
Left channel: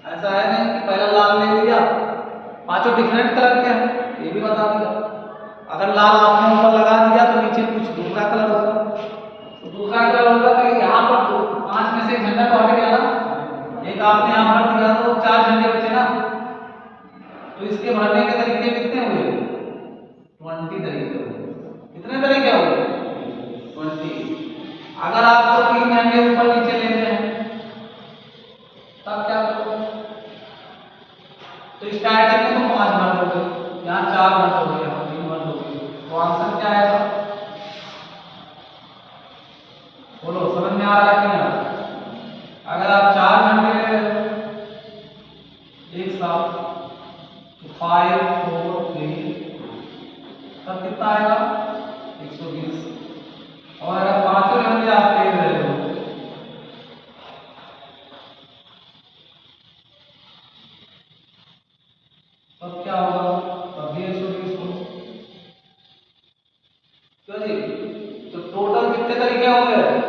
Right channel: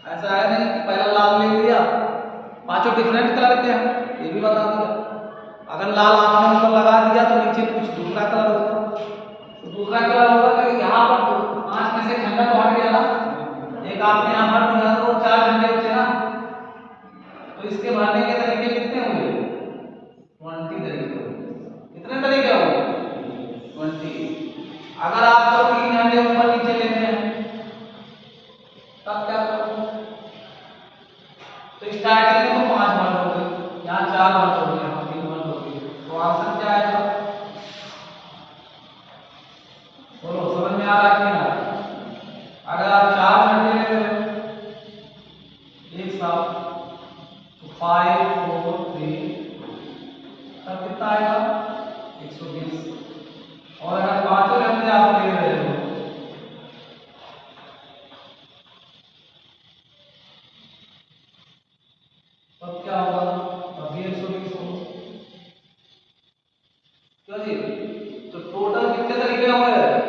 ऐसा है नहीं कि पहला लाल ले लिया, 5 डिफरेंट कलर के हैं, ये भी बता दिया। अगर लाल आपने ऊपर लगा दिया तो नीचे कुछ दूसरा कलर होगा, तो दूसरा कलर होगा तो यहाँ पर 5 में से झंडा तो हट गया ना, एक आपने यहाँ भर दिया तो 4 झंडे बचे ना। तो इसके भरने के तरीके कितने हुए? 20 तरीके हुए। कितने तरीके हुए? 20। अगर आपको 3 झंडे ऊपर नीचे लेने हैं तब क्या करोगे? तो स्टार्टिंग में तो 5 भर दोगे, यहाँ 4 भर दोगे, यहाँ 3 भर दोगे, तो आंसर क्या आएगा? बोलो, समझ में आ रहा है कि नहीं आ रहा? अगर आप 4 झंडे ले रहे हो एक साथ, तो 5 4 3, तब कितना आएगा? 120। और अगर 5 झंडे आप ले रहे हो तब क्या होगा? तब भी 120 होगा, क्यों जी? तो टोटल कितने तरीके हुए?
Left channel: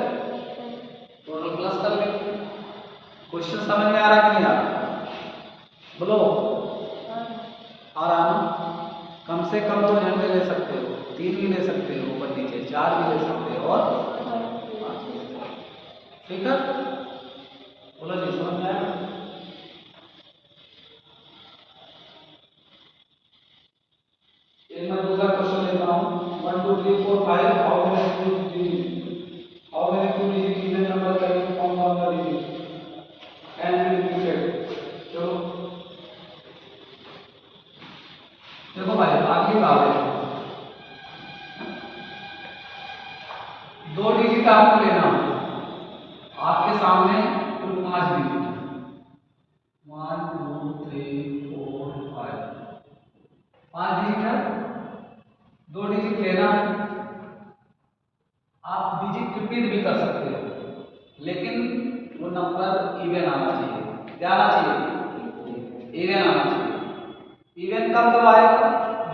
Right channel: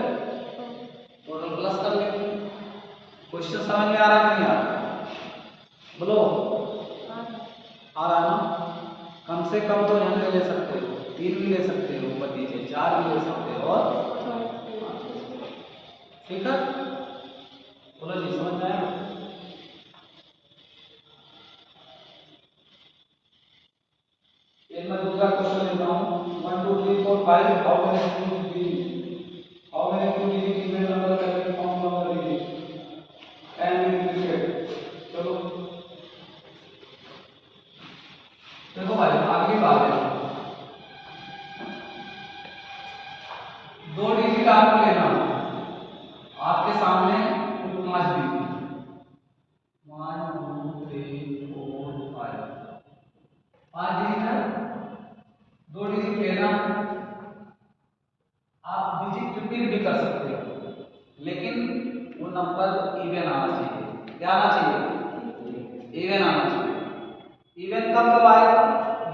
टोटल प्लस कर लेंगे। क्वेश्चन समझ में आ रहा है कि नहीं आ रहा? बोलो, आ रहा ना? कम से कम 2 झंडे ले सकते हो, 3 भी ले सकते हो ऊपर नीचे, 4 भी ले सकते हो, और 5 भी ले सकते हो। ठीक है? बोलो जी, समझ में आया? एक मैं दूसरा क्वेश्चन लेता हूँ 1 2 3 4 5 how many two digit how many two digit even number can be found from the digit and repeated. चलो देखो भाई आखिरी बात है, दो डिजिट आपको लेना होगा, आपके सामने कुल 5 डिजिट 1 2 3 4 5 डिजिट है, दो डिजिट लेना है। आप डिजिट रिपीट भी कर सकते हो, लेकिन वो नंबर इवन आना चाहिए। क्या आना चाहिए? इवन आना चाहिए। इवन कब आएगा?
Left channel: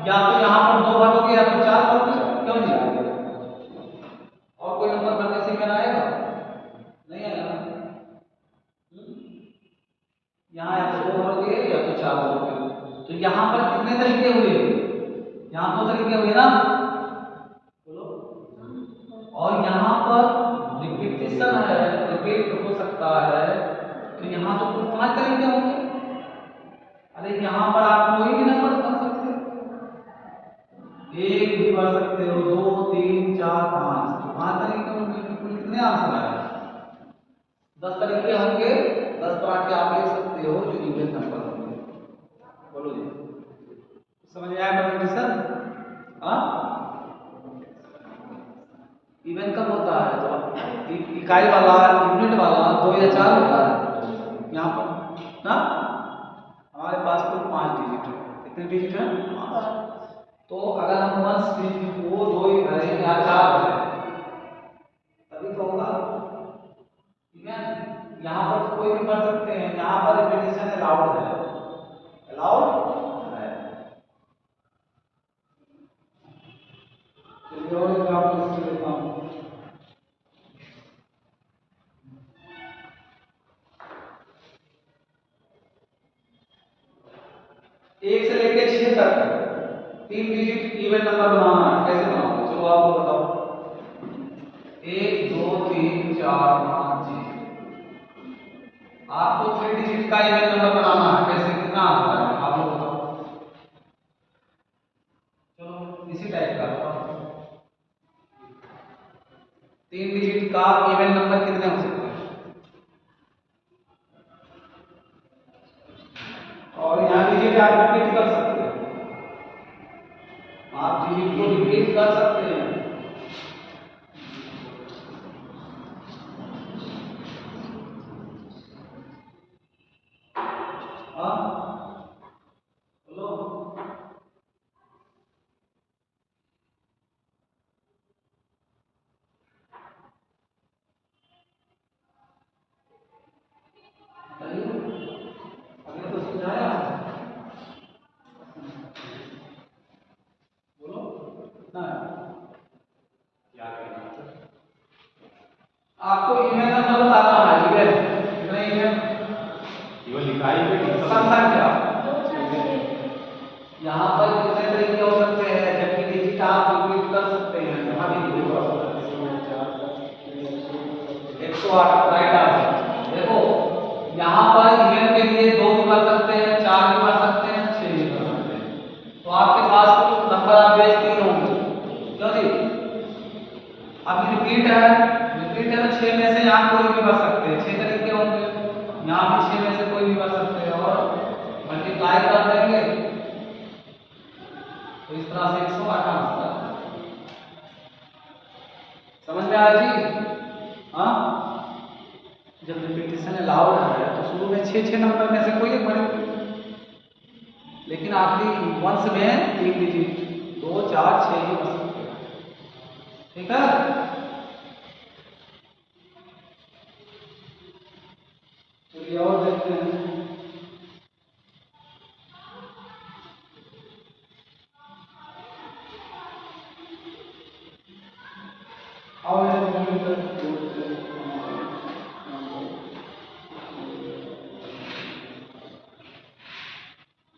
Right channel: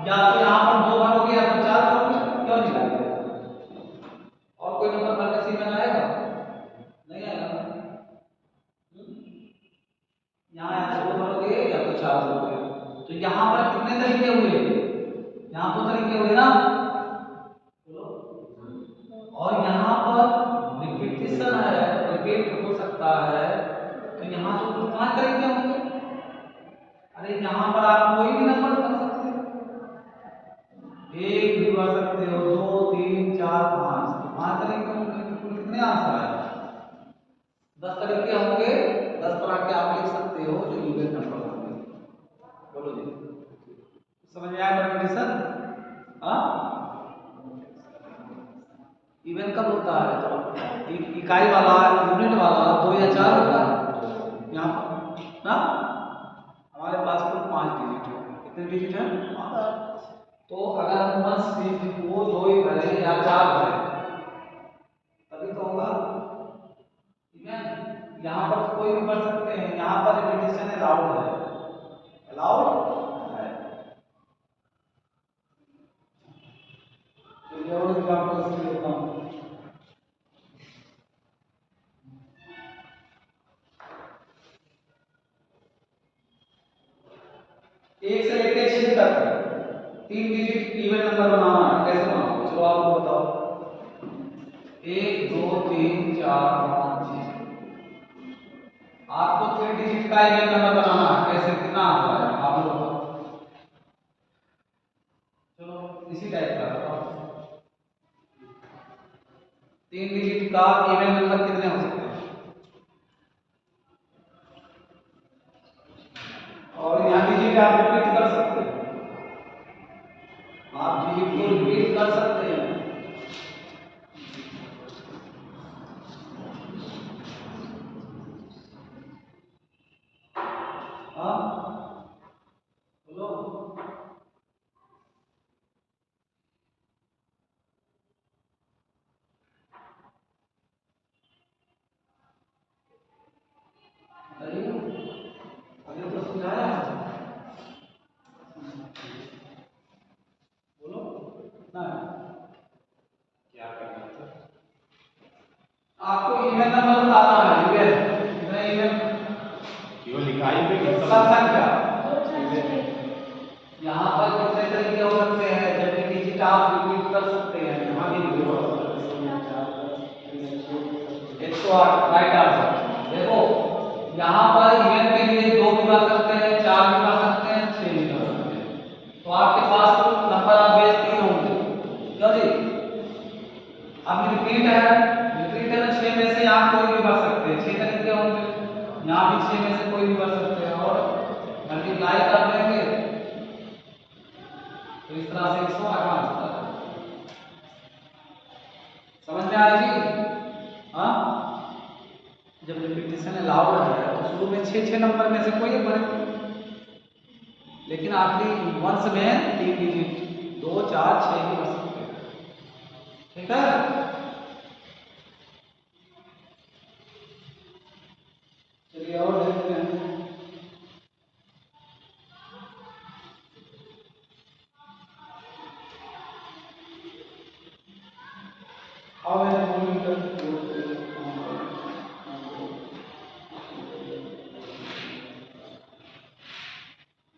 या तो यहाँ पर 2 भरोगे या तो 4 भरोगे, क्यों नहीं आएगा? और कोई नंबर भरने से इवन आएगा? नहीं आएगा। यहाँ या तो 2 भरोगे या तो 4 भरोगे। तो यहाँ पर कितने तरीके हुए? यहाँ 2 तरीके हुए ना, और यहाँ पर रिपीटिशन है, रिपीट हो सकता है, तो यहाँ तो कुल 5 तरीके होंगे। अरे यहाँ पर आप कोई भी नंबर भर सकते हो, 1 भी भर सकते हो, 2 3 4 5, तो 5 तरीके होंगे। तो कुल कितने आंसर आए? 10 तरीके होंगे, 10 तरह के आप लिख सकते हो जो इवन नंबर होंगे। बोलो जी, समझ में आया रिपीटिशन? हाँ, इवन कब होता है? तो इकाई वाला, यूनिट वाला 2 या 4 होता है। यहाँ पर ना हमारे पास कुल 5 डिजिट है। कितने डिजिट है? 5। तो अगर हम 1 डिजिट को 2 ही भरें या 4 भरें तभी तो होगा इवन। यहाँ पर तो कोई भी भर सकते हैं, यहाँ पर रिपीटिशन अलाउड है, अलाउड है। चलिए और एग्जांपल से लेता हूँ। एक से लेकर 6 तक 3 डिजिट इवन नंबर बनाना है, कैसे बनाओगे? चलो आपको बताओ। 1 2 3 4 5 6 आपको 3 डिजिट का इवन नंबर बनाना है, कैसे? कितना आंसर आएगा आप लोग बताओ। चलो इसी टाइप का बताओ, 3 डिजिट का इवन नंबर कितने हो सकते हैं? और यहाँ डिजिट आप रिपीट कर सकते हैं, आप डिजिट को रिपीट कर सकते हैं। हाँ बोलो, अभी तो समझाया है। बोलो कितना है? क्या करना है? आपको इवन नंबर बताना है। इवन कितने? इवन केवल इकाई पे संख्या। 2 4 6 यहाँ पर कितने तरीके हो सकते हैं? जबकि डिजिट आप रिपीट कर सकते हैं, यहाँ भी नहीं हो सकते। 108 राइट आंसर। देखो यहाँ पर इवन के लिए 2 भी कर सकते हैं, 4 भी कर सकते हैं, 6 भी कर सकते हैं। तो आपके पास नंबर आप बेच दिए होंगे, क्यों जी? अब रिपीट है, रिपीट है तो 6 में से आप कोई भी भर सकते हैं, 6 तरीके होंगे। यहाँ भी 6 में से कोई भी भर सकते हैं और मल्टीप्लाई कर देंगे तो इस तरह से 108 आंसर। समझ में आया जी? हाँ, जब रिपीटिशन अलाउड है तो शुरू में 6 नंबर में से कोई एक भरेंगे, लेकिन आखिरी वंश में 3 डिजिट 2 4 6 ही भर सकते हैं। ठीक है, चलिए और देखते हैं।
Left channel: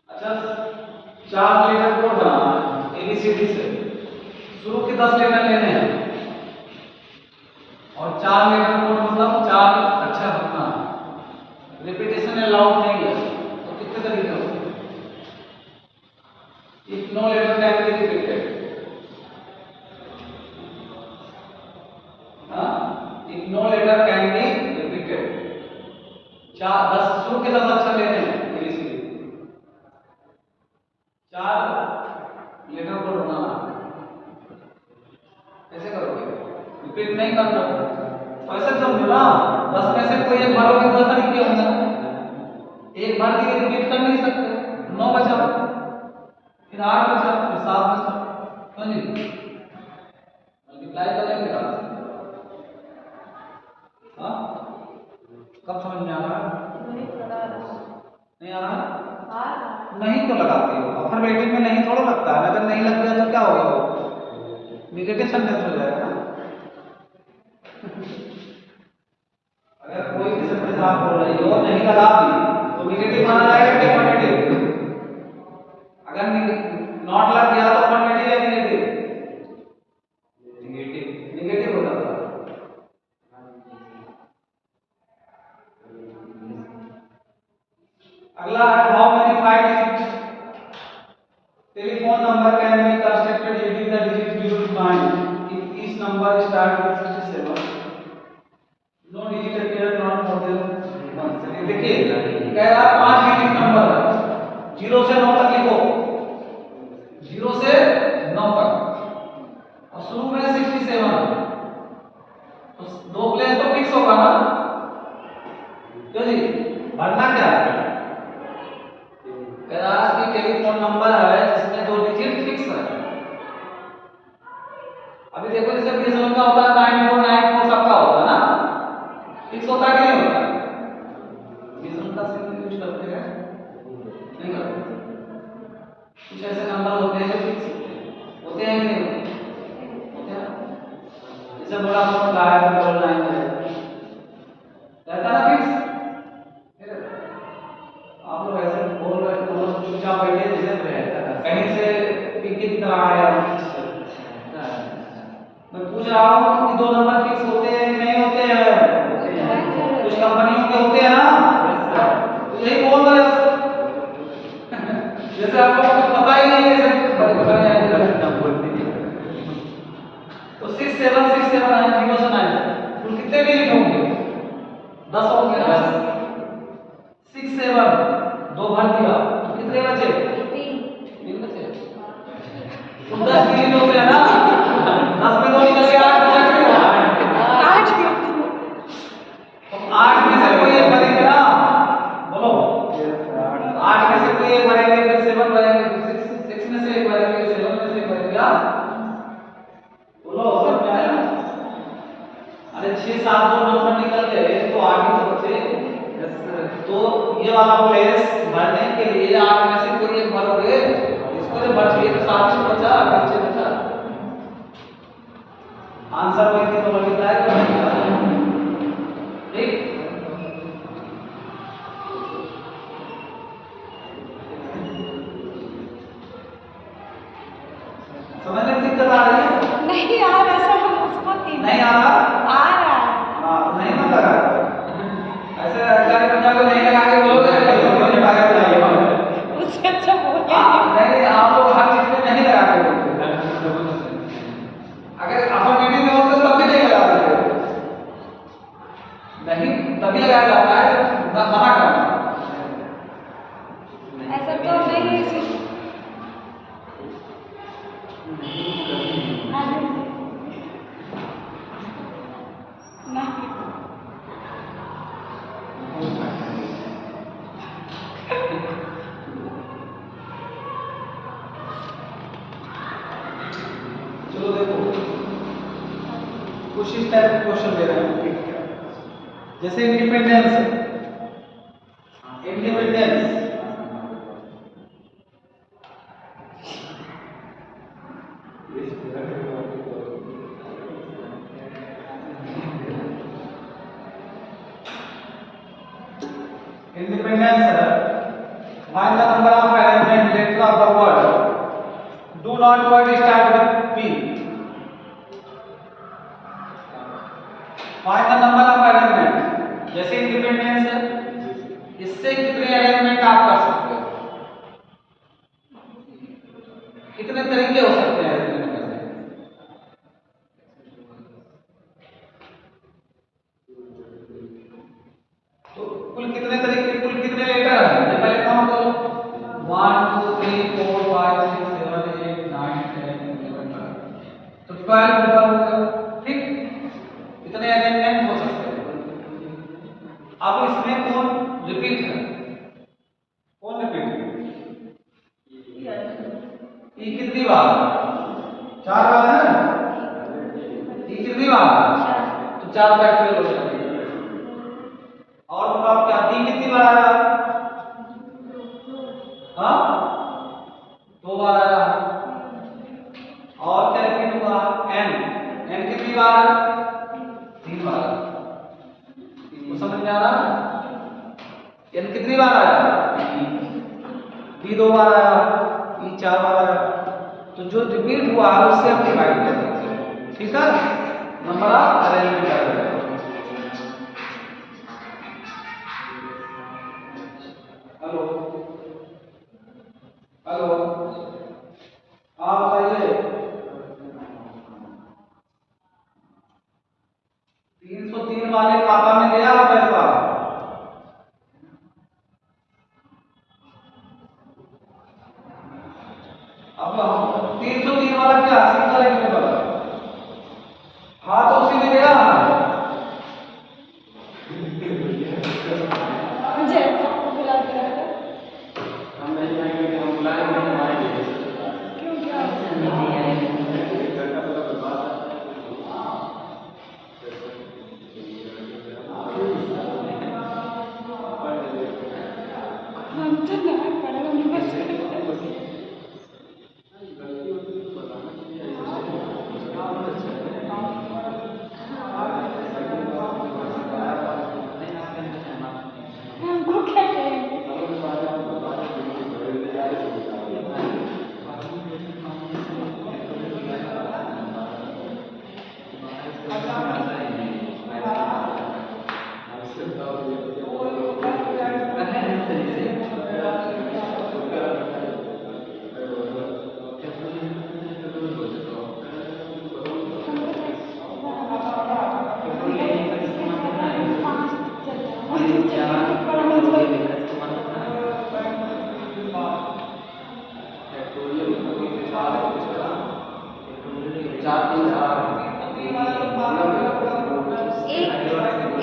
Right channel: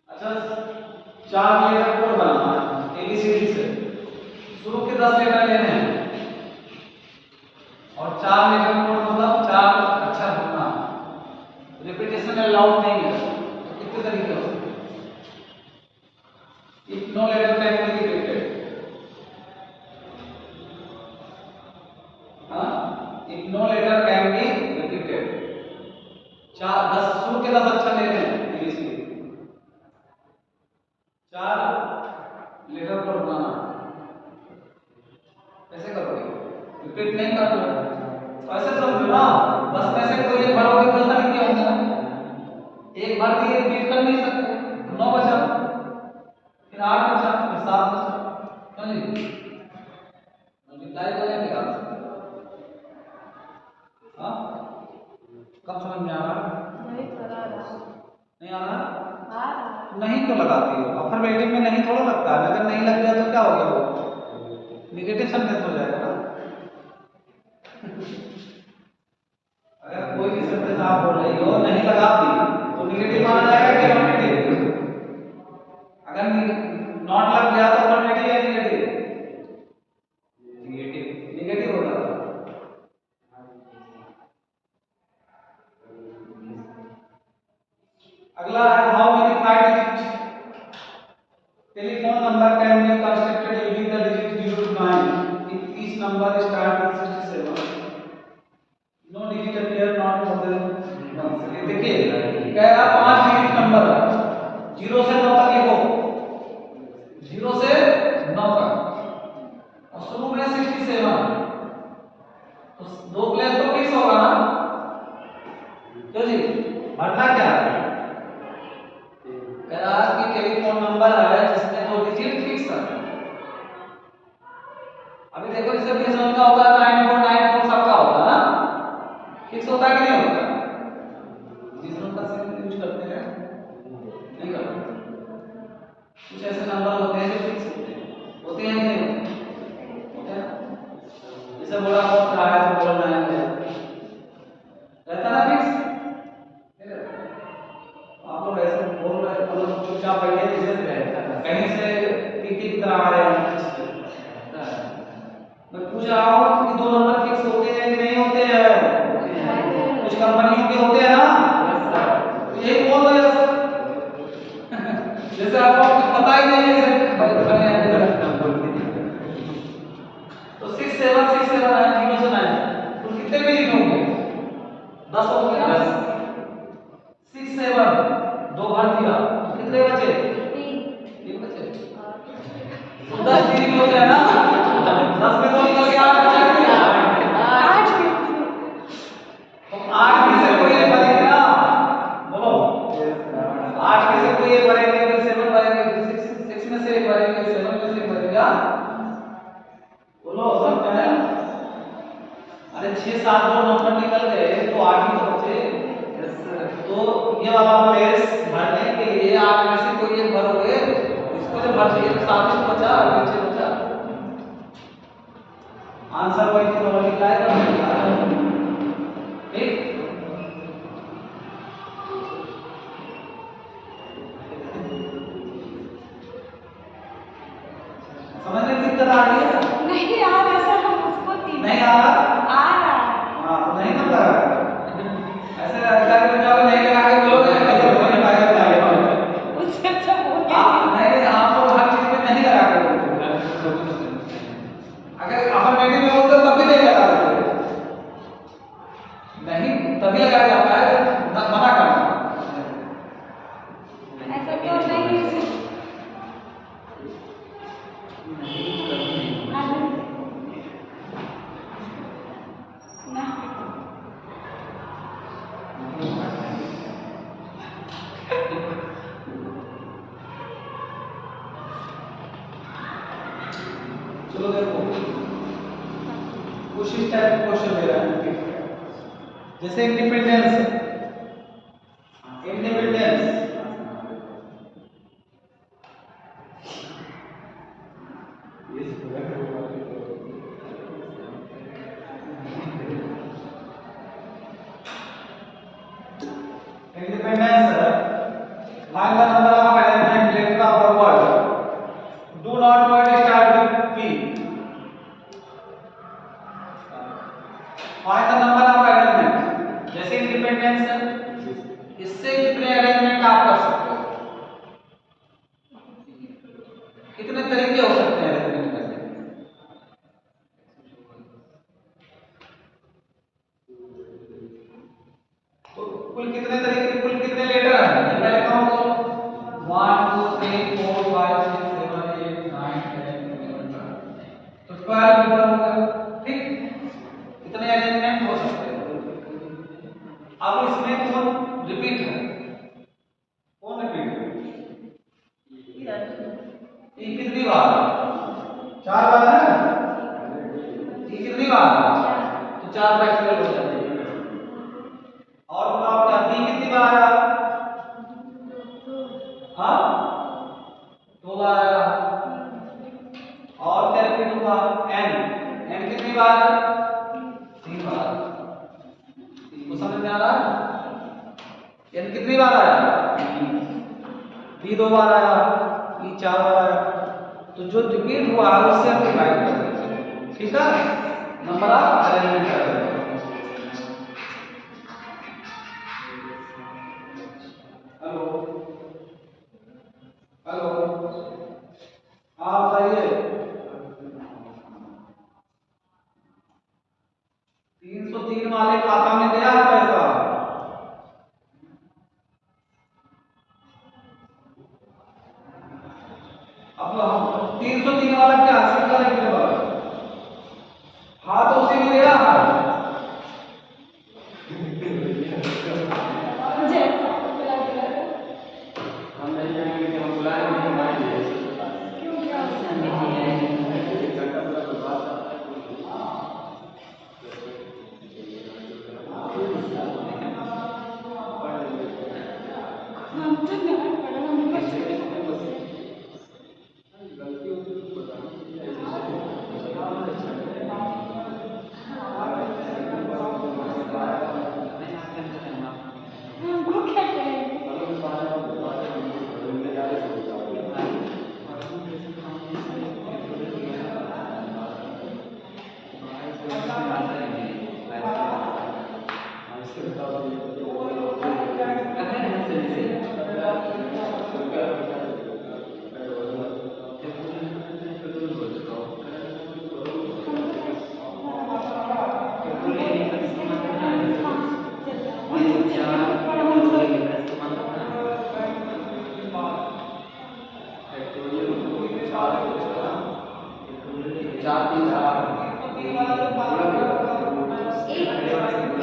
अच्छा, 4 लेटर कोड बनाना है एबीसीडी से। शुरू के 10 लेटर लेने हैं और 4 लेटर कोड मतलब 4 अक्षर होना है। रिपीटेशन अलाउड नहीं है, तो कितने तरीके हो सकते हैं? If no letter can be repeated. If no letter can be repeated. 10 शुरू के 10 अक्षर लेते हैं इंग्लिश में। 4 लेटर को बनाना। कैसे करोगे? रिपीट नहीं करना। ऐसे समझो ना, 10 में से कोई एक भरोगे तो नहीं क्या होगा? एक बार दिए रिपीट कर नहीं सकते। 9 बचा, फिर 8 बचा, फिर 7 बचा। समझे? मल्टीप्लाई करेंगे आप। हाँ? कब समझ में आ रहा है? नहीं आ रहा? नहीं तो लगाती हो। अफर्मेटिव में नहीं थोड़ा लगता है। अगर नहीं लग गया तो क्या होगा? नेगेटिव सेंटेंस हो जाएगा ना। अगर कोई भी सेंटेंस आप बोल रही हो नहीं लगाती तो नेगेटिव माना जाएगा कि अफर्मेटिव? अगर नॉट लग गया तो अफर्मेटिव या नेगेटिव? नेगेटिव हो जाता है। अगला है how many 5 digit telephone number can be constructed using the digit 0 to 9 if each number start with 67 no digit appear not more than once। ये देखिए कह रहा 5 डिजिट नंबर है, 0 से 9 तक लिखो, 0 से 9 तक और शुरू में 67 तो 2 प्लेस तो फिक्स होगा ना। क्यों जी? भरना क्या है? कह रहा कि टेलीफोन नंबर है जिसमें 2 डिजिट फिक्स है। अभी देखो जैसे बीएसएनएल का होता है 9494 सबका होता है ना, फिक्स होता है कि नहीं होता? बीएसएनएल का सिम यूज करते हैं नहीं करते? कुछ ऐसे नंबर होते हैं जो फिक्स होते हैं कि नहीं होते हैं? जैसे वोडाफोन का है 999 रहता ना फिक्स। आप लोग ऐसे बोल रहे हो चुपचाप बैठे कहीं से टिक टिक तरह आ रहे हो। मैं पूछ रहा हूँ कि 2 नंबर फिक्स होते हैं कि नहीं होते हैं? कुछ कंपनियों के होते हैं ना, यही बोल रहे हैं। जैसे आप लोग कुछ पता ही नहीं है तो 6767 है 0 से 9 तो कितने में लिखोगे? 10 हो गया ना। 67 2 भर दिया तो कितने बचे? 3 बचे। तो 10 डिजिट हो गया ना। 10 में 2 निकल गया 8 बचे। 8 में से कोई एक बनेगा ना, बोलो 8 में से कोई एक बनेंगे फिर 7 बनेंगे, 6 में से एक बनेंगे, 7 में से एक बनेगा। बोलो सब क्या है? अरे 6 7 2 नंबर निकल गए तो 8 ही तो बचे। तो ये वाला प्लेस भरने के लिए 8 में से कोई एक भरोगे, इसको जो बच गया तो 7 ही बचा, नीचे बचा। आंसर वही थी तो मल्टीप्लाई करेंगे। ठीक? समझने में दिक्कत आ रही है? नहीं आ रहा सर, हम उसको नहीं आ रहा? आ रहा है। हाँ तो नहीं ना लगा। ऐसे सारे बच्चों को नहीं लगा के बोलोगे तो कैसे बोलने पाएगा? उससे अच्छा बोल के नहीं आप लोग हर चीज में नहीं लगा के बोलते। अगर अफर्मेटिव में होता तब भी नहीं लगा सकते। नहीं तभी लगाया जाता है मना करना। ऐसा तो नहीं है चलो देखो कुछ इस टाइप के क्वेश्चन दे रहा है जैसे independence. Independence find the number of arrangement letter of the word. Do not word start with P. Find the number of arrangement. जैसे इंडिपेंडेंस है इससे कितने अरेंजमेंट आप कर सकते हो? कितने तरीके हो सकते हैं अरेंजमेंट में से? तो कुल कितने तरीके, कुल कितने लेटर हैं? ये पहले काउंट करो। 1 2 3 4 5 6 7 8 9 10 11 12। तो 12 लेटर हो गया, ठीक? इतने अरेंजमेंट हो सकते हैं। अब इसमें कौन रिपीट है? कौन रिपीट है? ये कितनी बार? 4 बार है ना? ये कितनी बार? तो 4 फैक्टोरियल हो जाते हैं। और बताओ क्या डी कितनी बार आया? हाँ, 2 बार आया। और क्या रिपीट होगा? एन, एन कितनी बार है? 3 बार। तो समझ में आ रहा है? एन कितनी बार आया? बी 2 बार आया, बी 4 बार आया। तो जो रिपीट हुआ है उससे हम डिवाइड कर देंगे, ठीक है? नंबर ऑफ अरेंजमेंट कर देंगे। हेलो हेलो, हाँ बताइए। 303 वाले खाता में गया है पैसा? अब हम 303 वाला क्या सिंगल है कि वाला? हाँ तो उसी में गया है। मुझे ऐसा बुला दिया था। हम नहीं जाएंगे कि हम बुलाए नहीं आएंगे। क्यों क्या? हम तो ना पड़ा हमें बस हमको क्या करेंगे?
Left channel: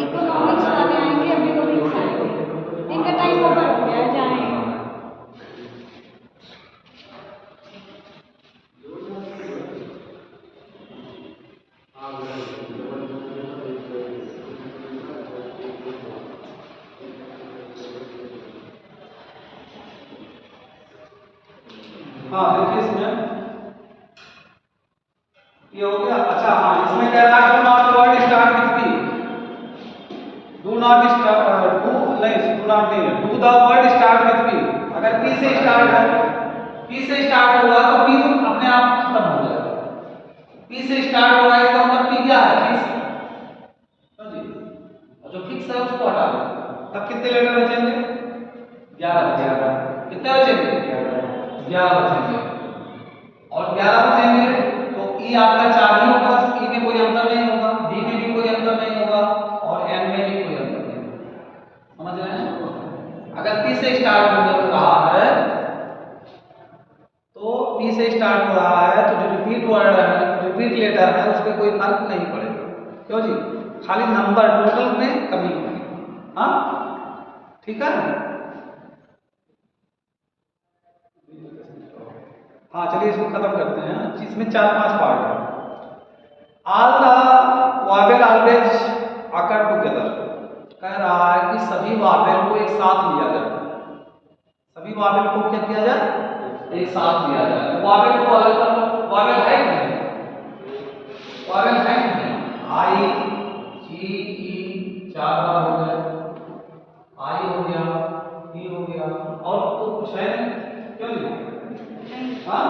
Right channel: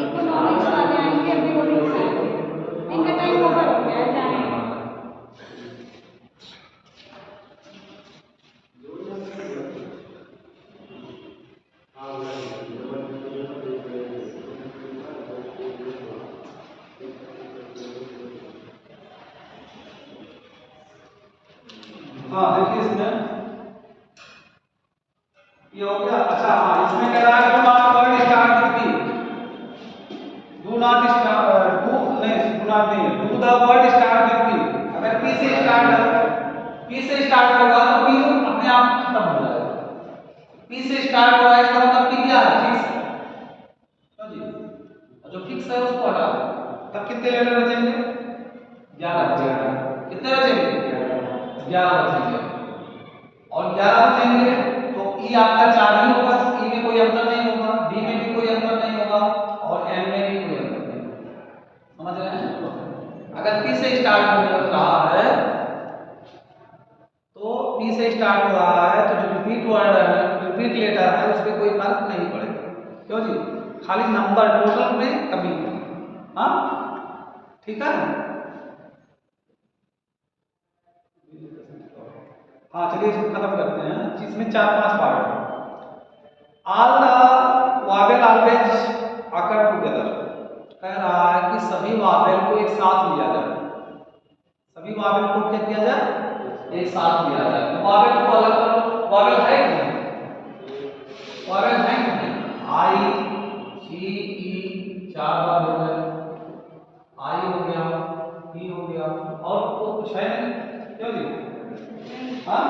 इकोनॉमिक्स वाले आएंगे, इकोनॉमिक्स आएंगे, इनका टाइम ओवर हो गया, जाएं। हाँ देखिए इसमें ये हो गया। अच्छा हाँ, इसमें कह रहा है do not word start with P. Do not start, do नहीं, डू नॉट नहीं, do the word start with P. अगर पी से स्टार्ट है, पी से स्टार्ट होगा तो पी अपने आप खत्म हो जाएगा। पी से स्टार्ट हो रहा है इसका मतलब पी क्या है? फिक्स है, समझिए? और जो फिक्स है उसको हटा दो। तब कितने लेटर बचेंगे? 11 बचेंगे। कितने बचेंगे? 11 बचेंगे। और 11 बचेंगे तो ई आपका 4 ही होगा, ई में कोई अंतर नहीं होगा, डी में भी कोई अंतर नहीं होगा, और एन में भी कोई अंतर नहीं होगा। समझ रहे हैं? अगर पी से स्टार्ट हो रहा है तो पी से स्टार्ट हो रहा है तो जो रिपीट वर्ड है, रिपीट लेटर है, उस पर कोई फर्क नहीं पड़ेगा। क्यों जी? खाली नंबर टोटल में कमी होगी। हाँ ठीक है। हाँ चलिए इसको खत्म करते हैं। इसमें 4-5 पार्ट है। All the Wavell always occur together. कह रहा है कि सभी वावेल को एक साथ लिया जाए। सभी वावेल को क्या किया जाए? एक साथ लिया जाए। तो वावेल को अलग कर लो। वावेल है कि नहीं? वावेल है कि नहीं? आई, जी, ई 4 बार हो गए, आई हो गया, ई हो गया, और तो कुछ है नहीं। क्यों जी? हाँ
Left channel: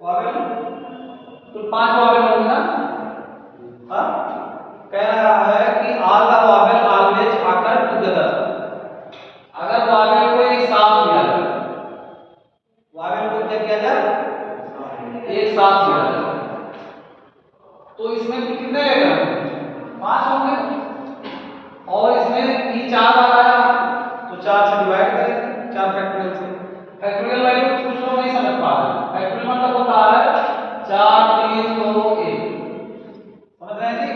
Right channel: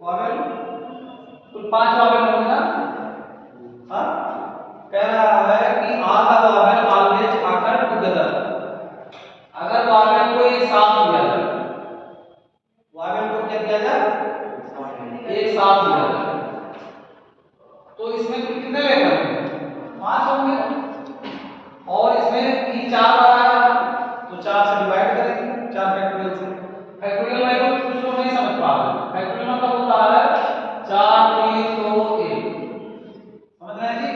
वावेल तो 5 वावेल होंगे ना? हाँ कह रहा है कि ऑल द वावेल ऑलवेज आकर टुगेदर। अगर वावेल को एक साथ लिया जाए, वावेल वावेल को क्या किया जाए, एक साथ लिया जाए। तो इसमें कितने लेटर 5 होंगे, और इसमें ई 4 बार आया तो 4 से डिवाइड करेंगे, 4 फैक्टोरियल से। फैक्टोरियल वैल्यू कुछ लोग नहीं समझ पा रहे हैं। फैक्टोरियल मतलब होता है 4 3 2 1, समझ रहे हैं जी?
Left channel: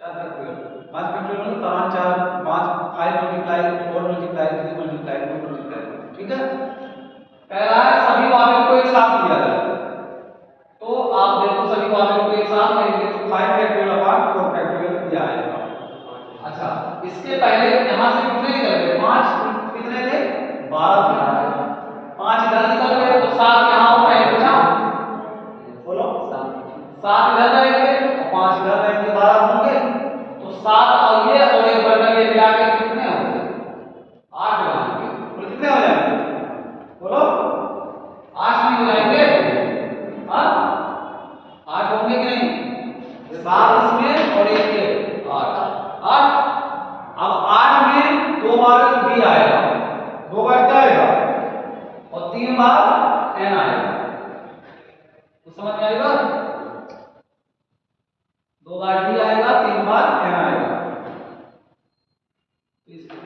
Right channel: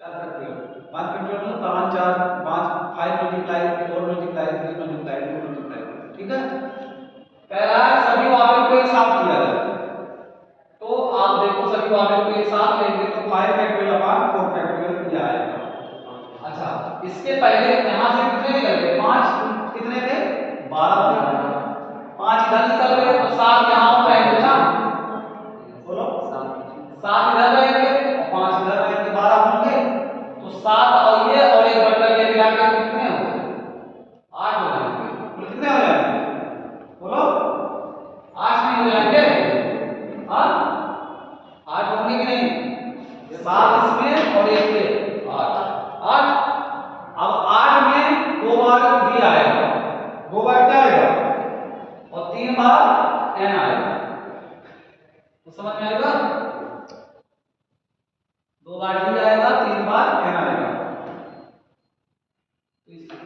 4 फैक्टोरियल, 5 फैक्टोरियल मतलब 5 4 5 5 मल्टीप्लाई 4 मल्टीप्लाई 3 मल्टीप्लाई 2 मल्टीप्लाई, ठीक है। पहला है सभी वावेल को एक साथ लिया जाए, तो आप देखो सभी वावेल को एक साथ लेंगे तो 5 फैक्टोरियल अपॉन 4 फैक्टोरियल ये आएगा। अच्छा, इसके पहले यहां से कितने निकल गए, 5 कितने थे, 12 थे, 5 इधर निकल गए तो 7 यहां और रहेंगे ना, बोलो 7 इधर रहेंगे और 5 इधर रहेंगे, 12 होंगे। तो 7 और ये और एक बटन ये मिला के कितने होंगे, 8 हो जाएंगे। बोलो कितने हो जाएंगे, बोलो 8 नहीं हो जाएंगे, हाँ 8 होंगे कि नहीं, 7 इसमें और एक ये 8 8। अब 8 में 2 बार बी आएगा, 2 बार क्या आएगा, और 3 बार एन आएगा, तो समझ में आएगा, 2 बार डी आएगा, 3 बार एन आएगा।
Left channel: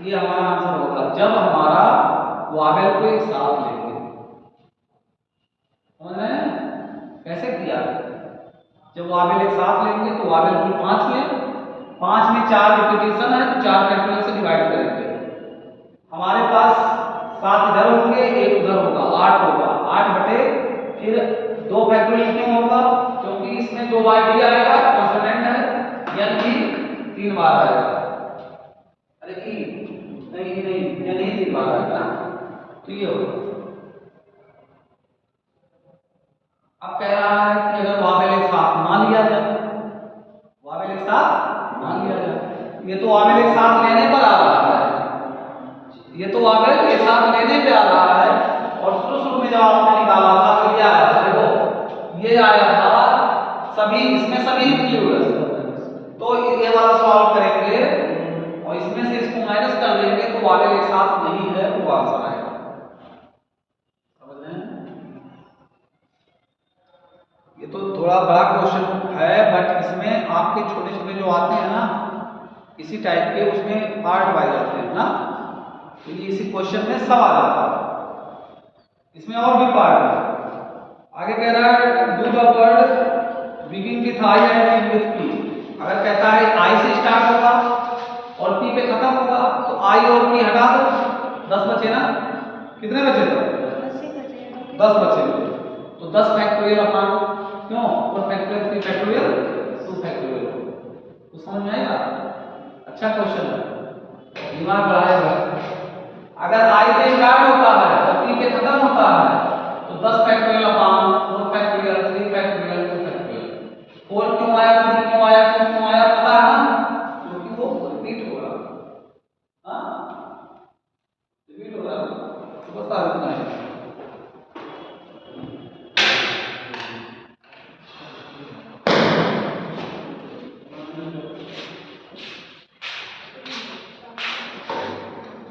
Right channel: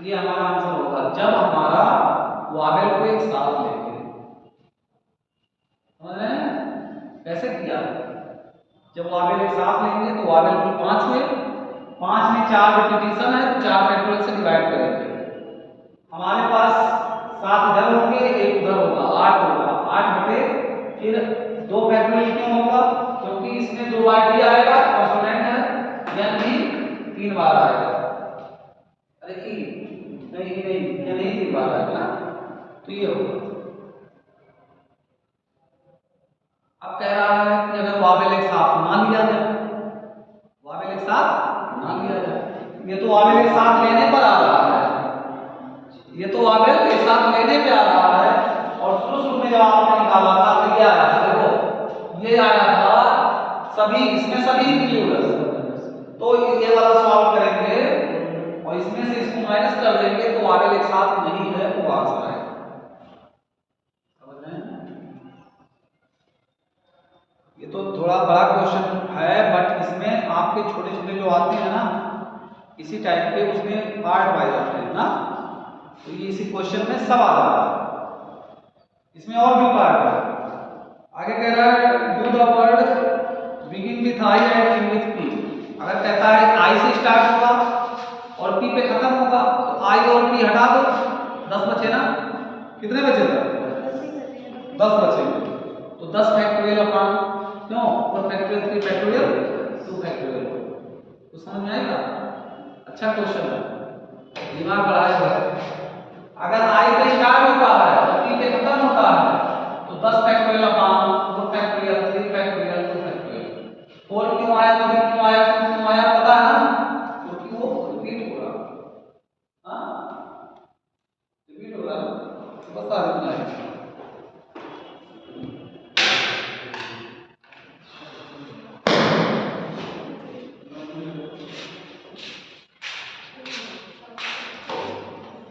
ये हमारा आंसर होगा जब हमारा वावेल को एक साथ लेंगे। समझ रहे हैं कैसे किया, जब वावेल एक साथ लेंगे तो वावेल कुल 5 हुए, 5 में 4 रिपीटिशन है तो 4 फैक्टोरियल से डिवाइड करेंगे। हमारे पास 7 इधर होंगे, एक उधर होगा, 8 होगा, 8 बटे फिर 2 फैक्टोरियल क्यों होगा, क्योंकि इसमें 2 बार डी आएगा, कॉन्स्टेंट है, यानी 3 बार आएगा। अरे ई नहीं, ये नहीं 3 बार आएगा, तो ये होगा। अब कह रहा है कि अगर वावेल एक साथ मान लिया जाए, वावेल एक साथ मान लिया जाए, ये तो वावेल एक साथ लेने पर आ रहा है, ये तो वावेल एक साथ लेने पे आ रहा है। और शुरू में जब आपने निकाला था तो ये आया था, देखो ये आया था सभी, इसमें सभी इंक्लूड है, तो ये वाला सॉल्व करेंगे और इसमें से इसको माइनस कर देंगे तो वावेल एक साथ नहीं है, वो आंसर आएगा। समझ रहे हैं, ये तो थोड़ा बड़ा क्वेश्चन है, बट इसमें आपके छोटे छोटे जो आते हैं ना इसी टाइप के, उसमें पार्ट वाइज आते हैं ना, तो ये इसी क्वेश्चन में सब आ जाता है। इसमें और भी पार्ट है, आगे कह रहा है do the word begin with I and and with P. अगर कहता है आई से स्टार्ट होगा और पी पे खत्म होगा तो आई और पी हटा दो, 10 बचे ना, कितने बचे थे, 10 बचे, तो 10 फैक्टोरियल अपॉन क्यों 4 फैक्टोरियल 3 फैक्टोरियल 2 फैक्टोरियल, तो समझ में आएगा। अच्छा क्वेश्चन है, दिमाग बढ़ाएगा। अगर आई पे स्टार्ट होता है और पी पे खत्म होता है तो 10 factorial upon 4 factorial 3 factorial 2 factorial. 4 क्यों आया, 3 क्यों आया,